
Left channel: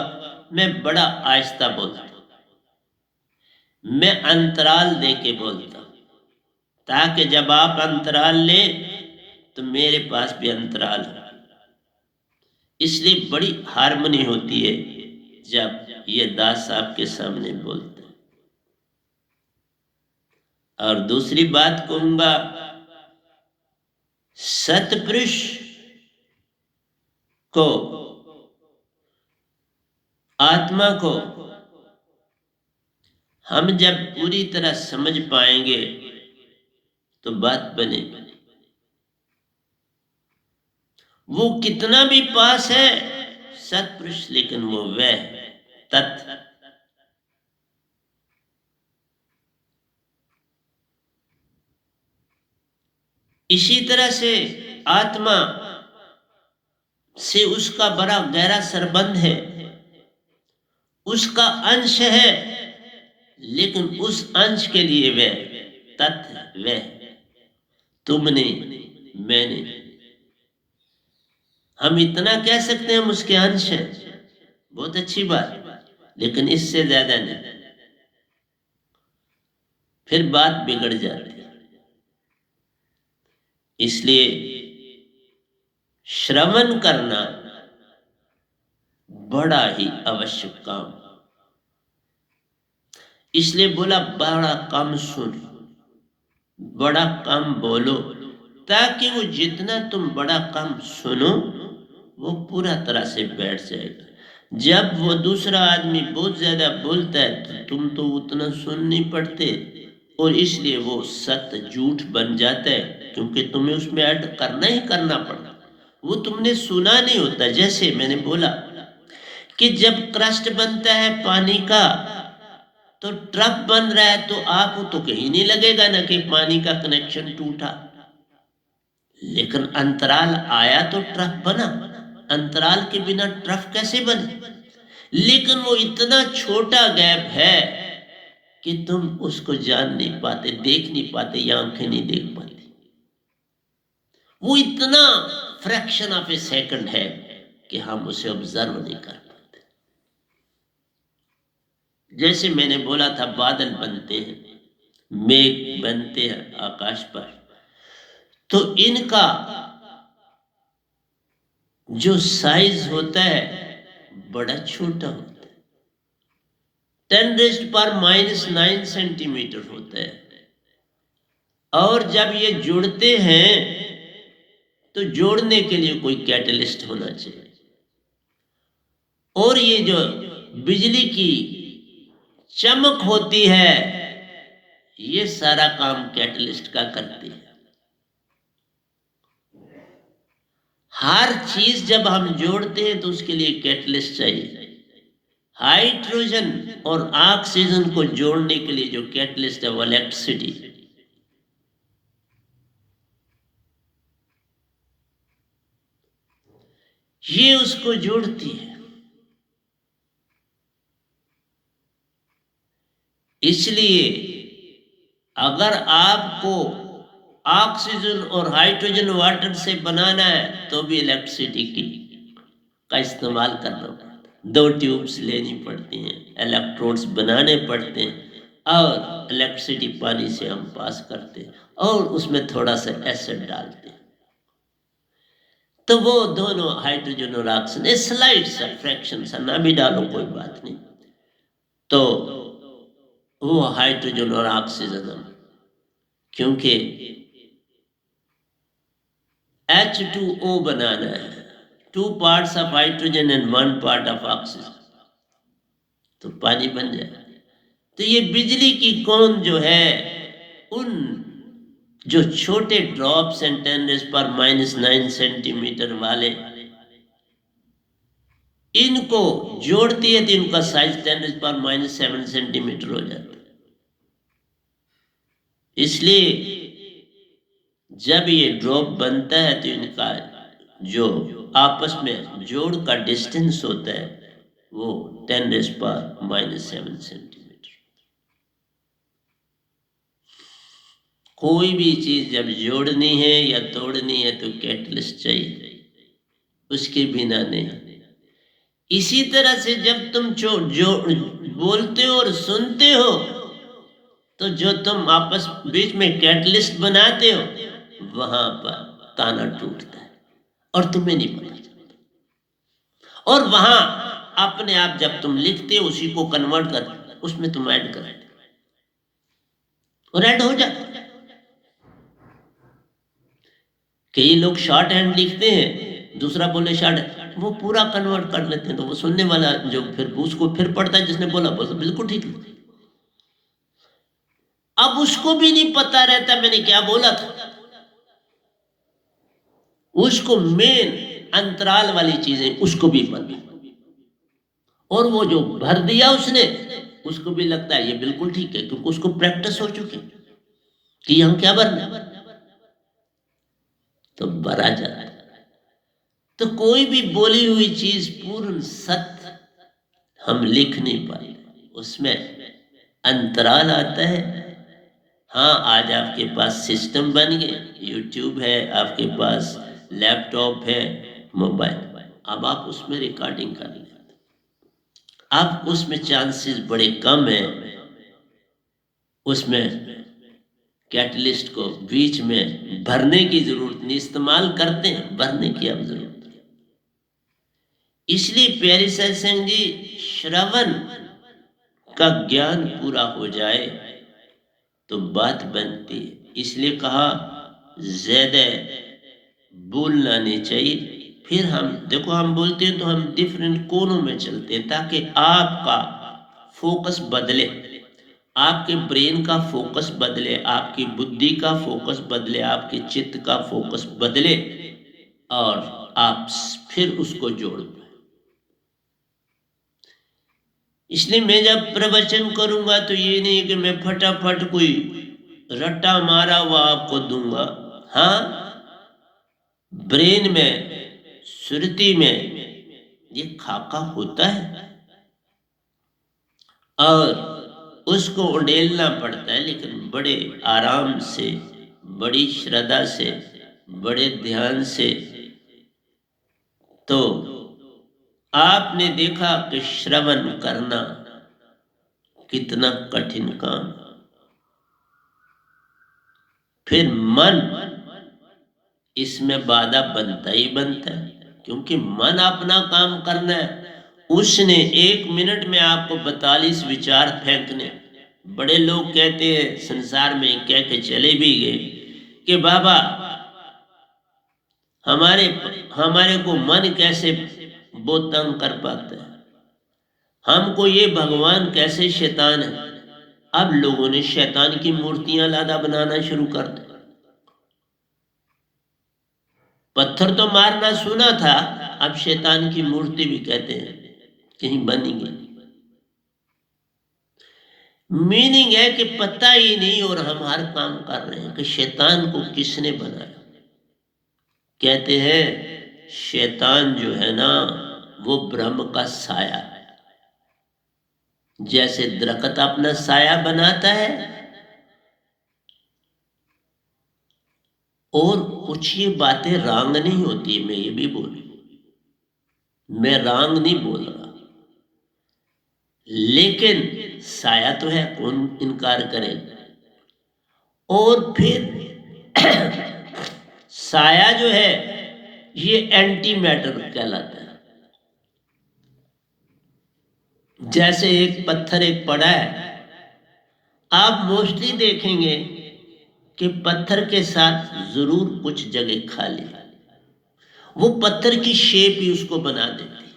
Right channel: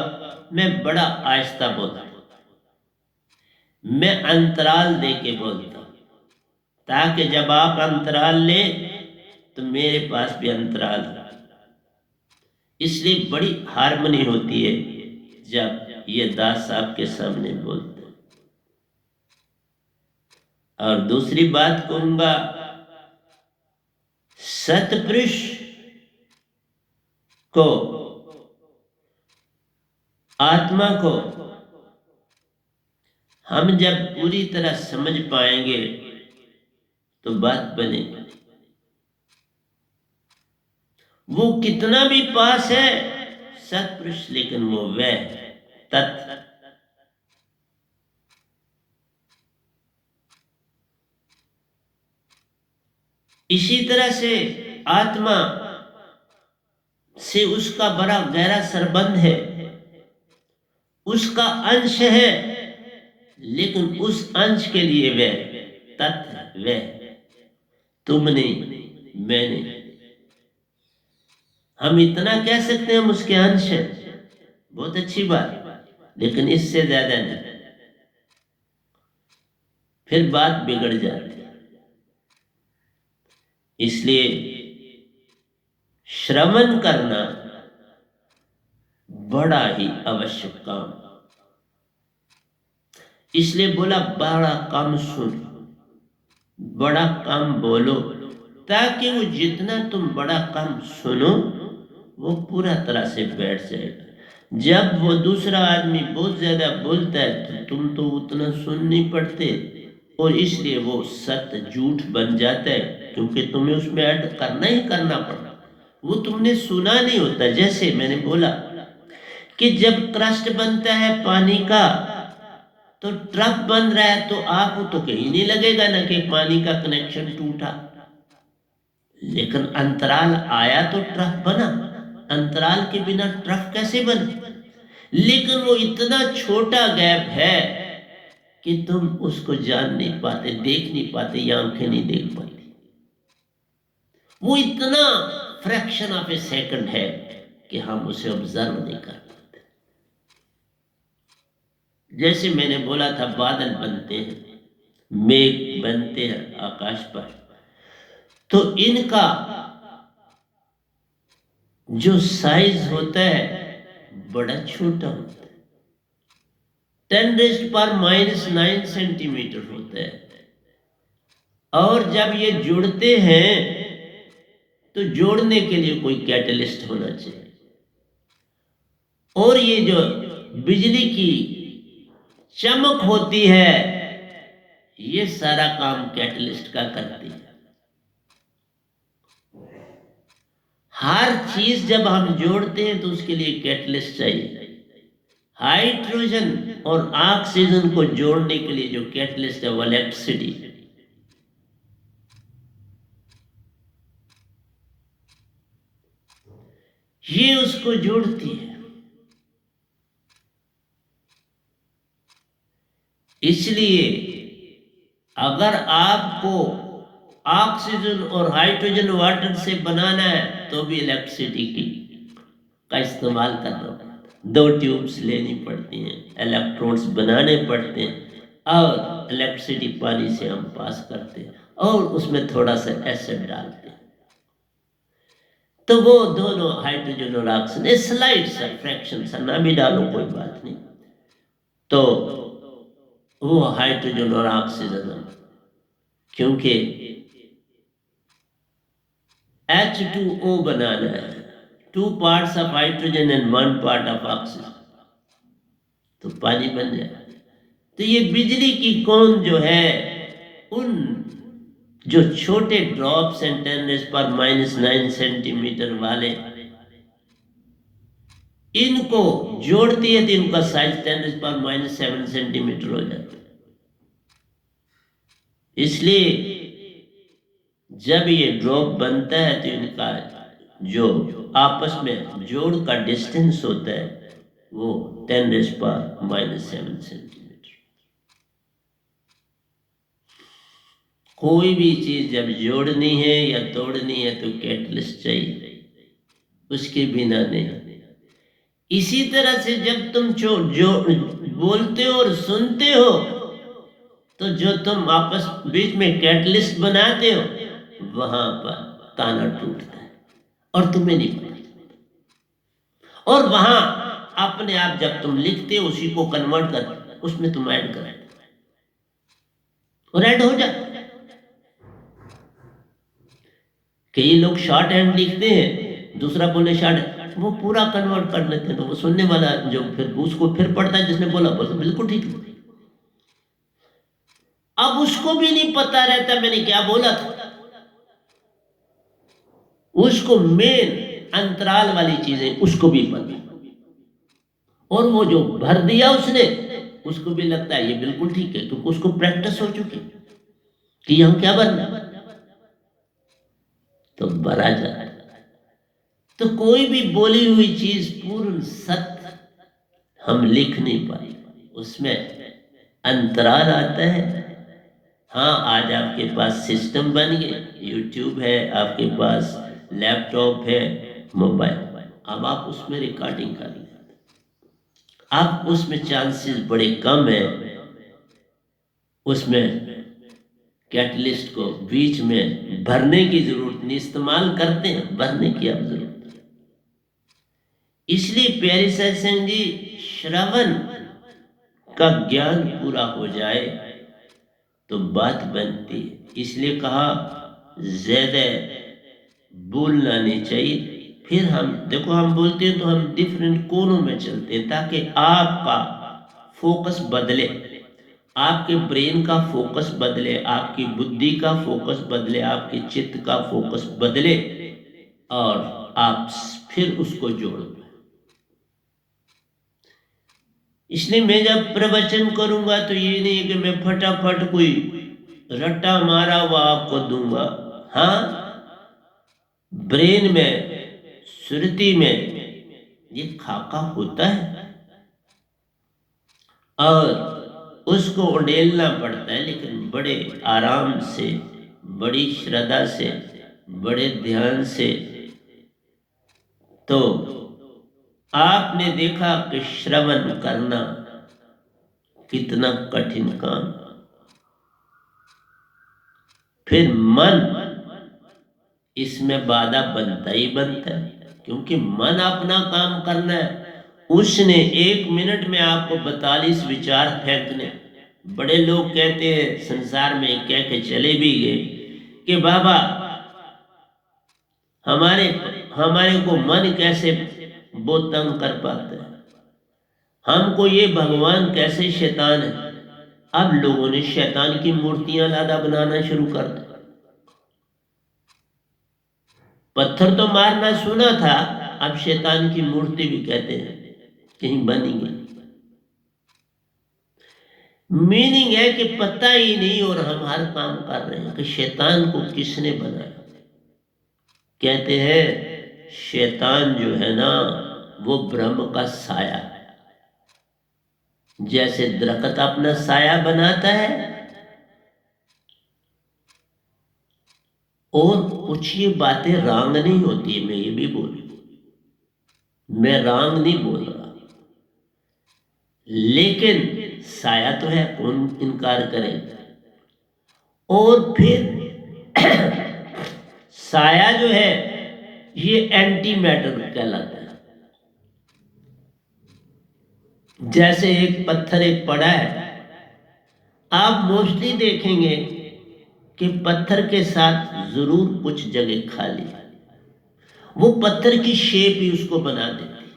मैं बड़ा आहिस्ता बोलता हूं, मैं अंतराल दे के बोलता हूं, ताकि जब आप अंतराल ले तो मेरे पास भी अंतराल हो। इसलिए बड़ी हार्मनी होती है जब ये दास आपके सामने बोलते हैं। और दूसरी बात कहूंगा, सतपुरुष को, आत्मा को हम जब पूरी तरह समझ पाएंगे तो बात बनेगी। वो कितना भी पास है सतपुरुष, लेकिन वो वह तत्व। इसी तरह से आत्मा से उसका बड़ा गहरा संबंध है, उसका अंश है, लेकिन उस अंश के लिए वह तत्व, वह तुमने, मैंने, हम इतना कह सकते हैं हम उसके अंश हैं, बहुत अच्छी बात, लेकिन इससे ज्यादा नहीं, फिर बात बिगड़ जाती है। इसलिए श्रवण करना बड़ा ही आवश्यक काम। इसलिए बोला बड़ा कम सुन, बड़ा कम बोलो, ताकि वो जितना तुम बड़ा कम सुनो वो पूरा तरह से बैठ जाएगा। जब वो दूसरा आदमी बहुत ज्यादा बोलता है तो तुम तो उतना सुन नहीं पड़ते, और इसलिए वो सत्य झूठ बन जाता है, क्योंकि तुम्हें उसमें ऐड करना ही करना पड़ता, वो तुमने सुना नहीं होता। जैसे मैंने बोला कि जब क्रस्ट बनता है पानी का तो ट्रक बन रहा है, तो आपको तो कहीं नहीं लगेगा ना कि पानी का कनेक्शन टूटा, लेकिन अंतराल आया तो ट्रक बना। अंतराल के बिना ट्रक कैसे बने? लेकिन वो इतना छोटा गैप है कि तुम उसको जान नहीं पाते, देख नहीं पाते, या आंखें नहीं देख पाती। वो इतना फ्रैक्शन ऑफ ए सेकंड है कि हम उसे ऑब्जर्व नहीं कर पाते। जैसे मैंने बोला था, बादल बनते हैं, मेघ बनते हैं आकाश पर, तो इनका जो साइज होता है बड़ा छोटा होता है, 10⁻⁹ सेंटीमीटर होता है। और जब ये जुड़ते हैं तो जोड़ने के लिए कोई कैटलिस्ट होना चाहिए, और ये जो बिजली की चमक होती है ये सारा काम कैटलिस्ट का करती है। हर चीज जब हम जोड़ते हैं तो उसके लिए कैटलिस्ट चाहिए। हाइड्रोजन और ऑक्सीजन को जोड़ने के लिए जो कैटलिस्ट है वो इलेक्ट्रिसिटी। ये उसको जोड़ती है। इसलिए अगर आपको ऑक्सीजन और हाइड्रोजन वाटर से बनाना है तो भी इलेक्ट्रिसिटी की का इस्तेमाल करना पड़ता है। 2 ट्यूब्स लेनी पड़ती हैं, इलेक्ट्रोड्स बनाने पड़ते हैं, और इलेक्ट्रिसिटी पानी से हम पास करते हैं और उसमें थोड़ा सा एसिड डालते हैं, तो वो दोनों हाइड्रोजन और ऑक्सीजन स्लाइड सा फ्रैक्शन सा ना भी डालो कोई बात नहीं, तो वो हाइड्रोजन और ऑक्सीजन, क्योंकि H2O बनाना है, 2 parts of hydrogen and 1 part of oxygen, तो पानी बन जाए। तो ये बिजली की कौन जो है, उन जो छोटे ड्रॉप्स हैं 10⁻⁹ सेंटीमीटर वाले, इनको जोड़ती है तो इनका साइज 10⁻⁷ सेंटीमीटर हो जाता है। इसलिए जब ये ड्रॉप बनता है तो इनका जो आपस में जोड़ का डिस्टेंस होता है वो 10⁻⁻7 सेंटीमीटर। कोई भी चीज जब जोड़नी है या तोड़नी है तो कैटलिस्ट चाहिए, उसके बिना नहीं। इसी तरह से जब तुम जो बोलते हो और सुनते हो तो जो तुम आपस बीच में कैटलिस्ट बनाते हो वहां पर ताना टूटता है और तुम्हें नहीं पता चलता। और वहां अपने आप जब तुम लिखते हो उसी को कन्वर्ट कर उसमें तुम ऐड कर और ऐड हो जाता। कई लोग शॉर्ट हैंड लिखते हैं, दूसरा बोले शॉर्ट, वो पूरा कन्वर्ट कर लेते हैं तो वो सुनने वाला जो फिर उसको फिर पढ़ता है जिसने बोला बिल्कुल ठीक है। अब उसको भी नहीं पता रहता मैंने क्या बोला था, उसको मेन अंतराल वाली चीजें उसको भी पता, और वो जो भर दिया उसने उसको भी लगता है ये बिल्कुल ठीक है क्योंकि उसको प्रैक्टिस हो चुकी कि हम क्या भरना, तो भरा जाता है। तो कोई भी बोली हुई चीज पूर्ण सत्य हम लिख नहीं पाए, उसमें अंतराल आता है। हाँ, आज आपके पास सिस्टम बन गए, यूट्यूब है, आपके पास लैपटॉप है, मोबाइल, अब आप उसमें रिकॉर्डिंग कर लेते, आप उसमें चांसेस बड़े कम है, उसमें कैटलिस्ट को बीच में भरने की जरूरत नहीं, इस्तेमाल करते हैं, भरने की अब जरूरत। इसलिए प्यारे सत्संग जी, श्रवण का ज्ञान पूरा हो जाए तो बात बनती है। इसलिए कहा ज्यादा बोलना नहीं चाहिए। फिर हम देखो, हम बोलते हैं तो हम डिफरेंट कोनों में चलते हैं ताकि आपका फोकस बदले, आपके ब्रेन का फोकस बदले, आपकी बुद्धि का फोकस बदले, आपके चित्त का फोकस बदले और आप फिर उसको जोड़ पाए। इसलिए मैं जब प्रवचन करूंगा तो ये नहीं कि मैं फटाफट कोई रट्टा मारा हुआ आपको दूंगा। हाँ, ब्रेन में, सुरती में ये खाका होता है और उसको उड़ेलना पड़ता है, लेकिन बड़े आराम से, बड़ी श्रद्धा से, बड़े ध्यान से। तो आपने देखा कि श्रवण करना कितना कठिन काम। फिर मन इसमें बाधा बनता ही बनता है, क्योंकि मन अपना काम करना है, उसने 1 मिनट में आपको 42 विचार फेंकने। बड़े लोग कहते हैं संसार में, कह के चले भी गए कि बाबा हमारे को मन कैसे वो तंग कर पाता है, हमको ये भगवान कैसे शैतान है। अब लोगों ने शैतान की मूर्तियां लादा बनाना शुरू कर दी। पत्थर तो मारना सुना था, अब शैतान की मूर्ति भी कहते हैं कहीं बनी गई। मीनिंग है कि पता ही नहीं और हम हर काम कर रहे हैं कि शैतान को किसने बनाया। कहते हैं शैतान जो है ना वो ब्रह्म का साया है। जैसे दरख्त अपना साया बनाता है, और कुछ ये बातें रांग नहीं होती, मैं ये भी बोलूं, मैं रांग नहीं बोल रहा, लेकिन साया तो है, कौन इनकार करेगा। और फिर साया जो है ये एंटी मैटर कहलाता है। जैसे एक पत्थर एक पड़ा है, आप मोस्टली देखेंगे कि पत्थर के साथ जरूर कुछ जगह खाली है, वो पत्थर की शेप ही उसको बना देती है।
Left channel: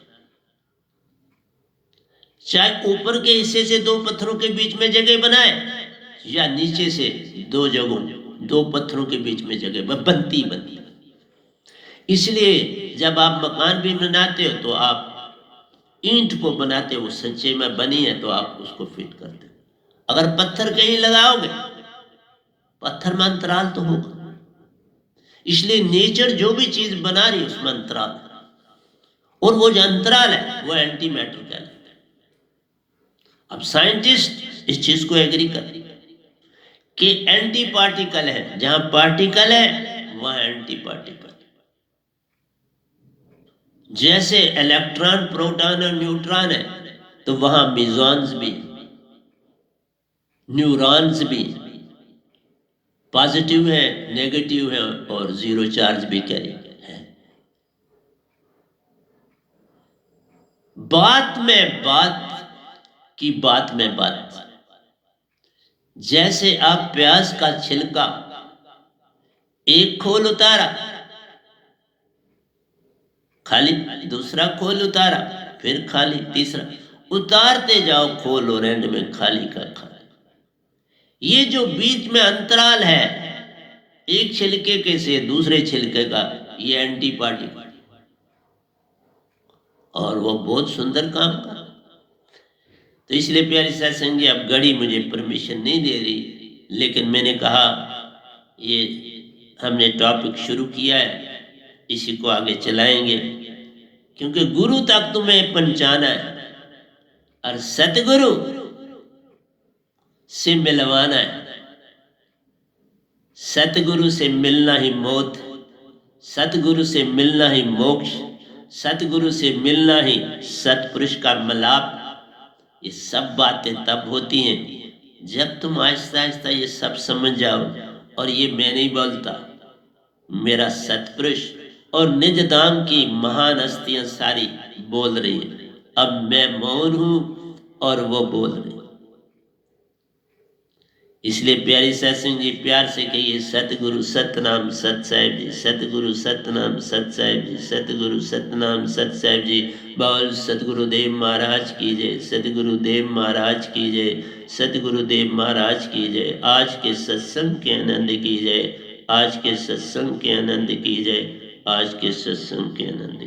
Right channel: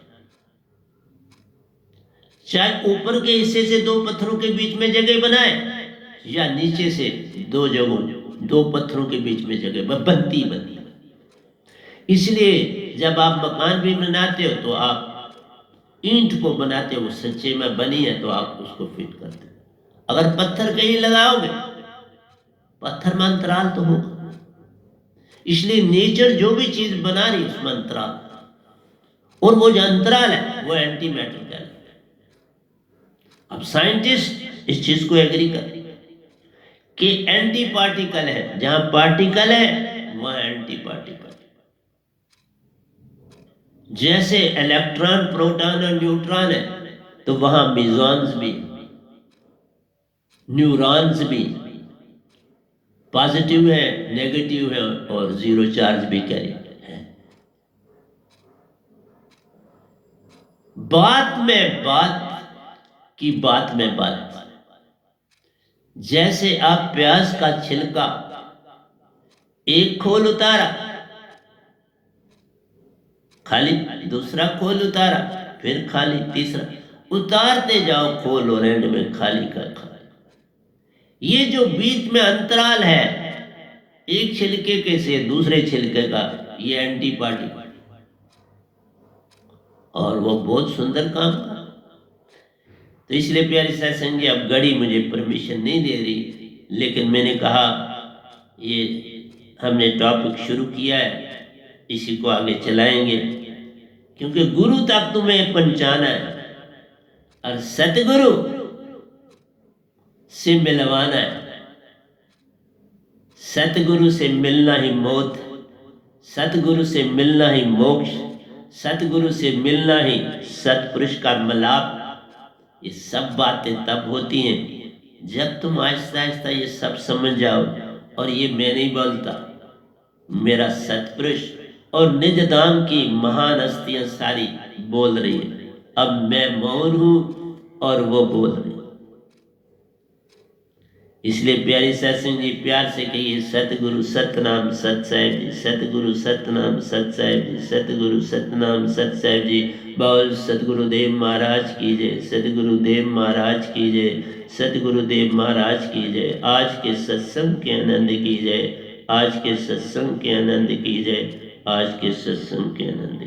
चाहे ऊपर के हिस्से से 2 पत्थरों के बीच में जगह बनाए या नीचे से 2 जगहों 2 पत्थरों के बीच में जगह बनती। इसलिए जब आप मकान भी बनाते हो तो आप ईंट को बनाते हो, सच्चे में बनी है तो आप उसको फिट करते हो। अगर पत्थर कहीं लगाओगे, पत्थर में अंतराल तो होगा। इसलिए नेचर जो भी चीज बना रही है उसमें अंतराल। और वो जो अंतराल है वो एंटी मैटर कहलाता है। अब साइंटिस्ट इस चीज को एग्री कर कि एंटी पार्टिकल है, जहां पार्टिकल है वहां एंटी पार्टिकल। जैसे इलेक्ट्रॉन, प्रोटॉन और न्यूट्रॉन है तो वहां मेसॉन्स भी, न्यूरॉन्स भी, पॉजिटिव है, नेगेटिव है और जीरो चार्ज भी कैरी है। बात में बात की बात में बात। जैसे आप प्याज का छिलका एक खोल उतारा, खाली, दूसरा खोल उतारा, फिर खाली, तीसरा, उतारते जाओ खोल और एंड में खाली का खाली। ये जो बीच में अंतराल है एक छिलके के से दूसरे छिलके का, ये एंटी पार्टिकल, और वो बहुत सुंदर काम था। तो इसलिए प्यारी सत्संग जी, अब घड़ी मुझे परमिशन नहीं दे रही, लेकिन मैंने कहा ये हमने टॉपिक शुरू किया है, इसी को आगे चलाएंगे, क्योंकि गुरु तक तुम्हें पहचाना है और सतगुरु से मिलवाना है। सतगुरु से मिलना ही मौत, सतगुरु से मिलना ही मोक्ष, सतगुरु से मिलना ही सतपुरुष का मिलाप। ये सब बातें तब होती हैं जब तुम आहिस्ता आहिस्ता ये सब समझ जाओ। और ये मैं नहीं बोलता, मेरा सतपुरुष और निज धाम की महान हस्तियां सारी बोल रही है। अब मैं मौन हूं और वो बोल रही। इसलिए प्यारी सत्संग जी, प्यार से कहिए सतगुरु सतनाम सत साहिब जी, सतगुरु सतनाम सत साहिब जी, सतगुरु सतनाम सत साहिब जी। बोल सतगुरुदेव महाराज की जय, सतगुरुदेव महाराज की जय, सतगुरुदेव महाराज की जय। आज के सत्संग के आनंद की जय, आज के सत्संग के आनंद की जय, आज के सत्संग के आनंद।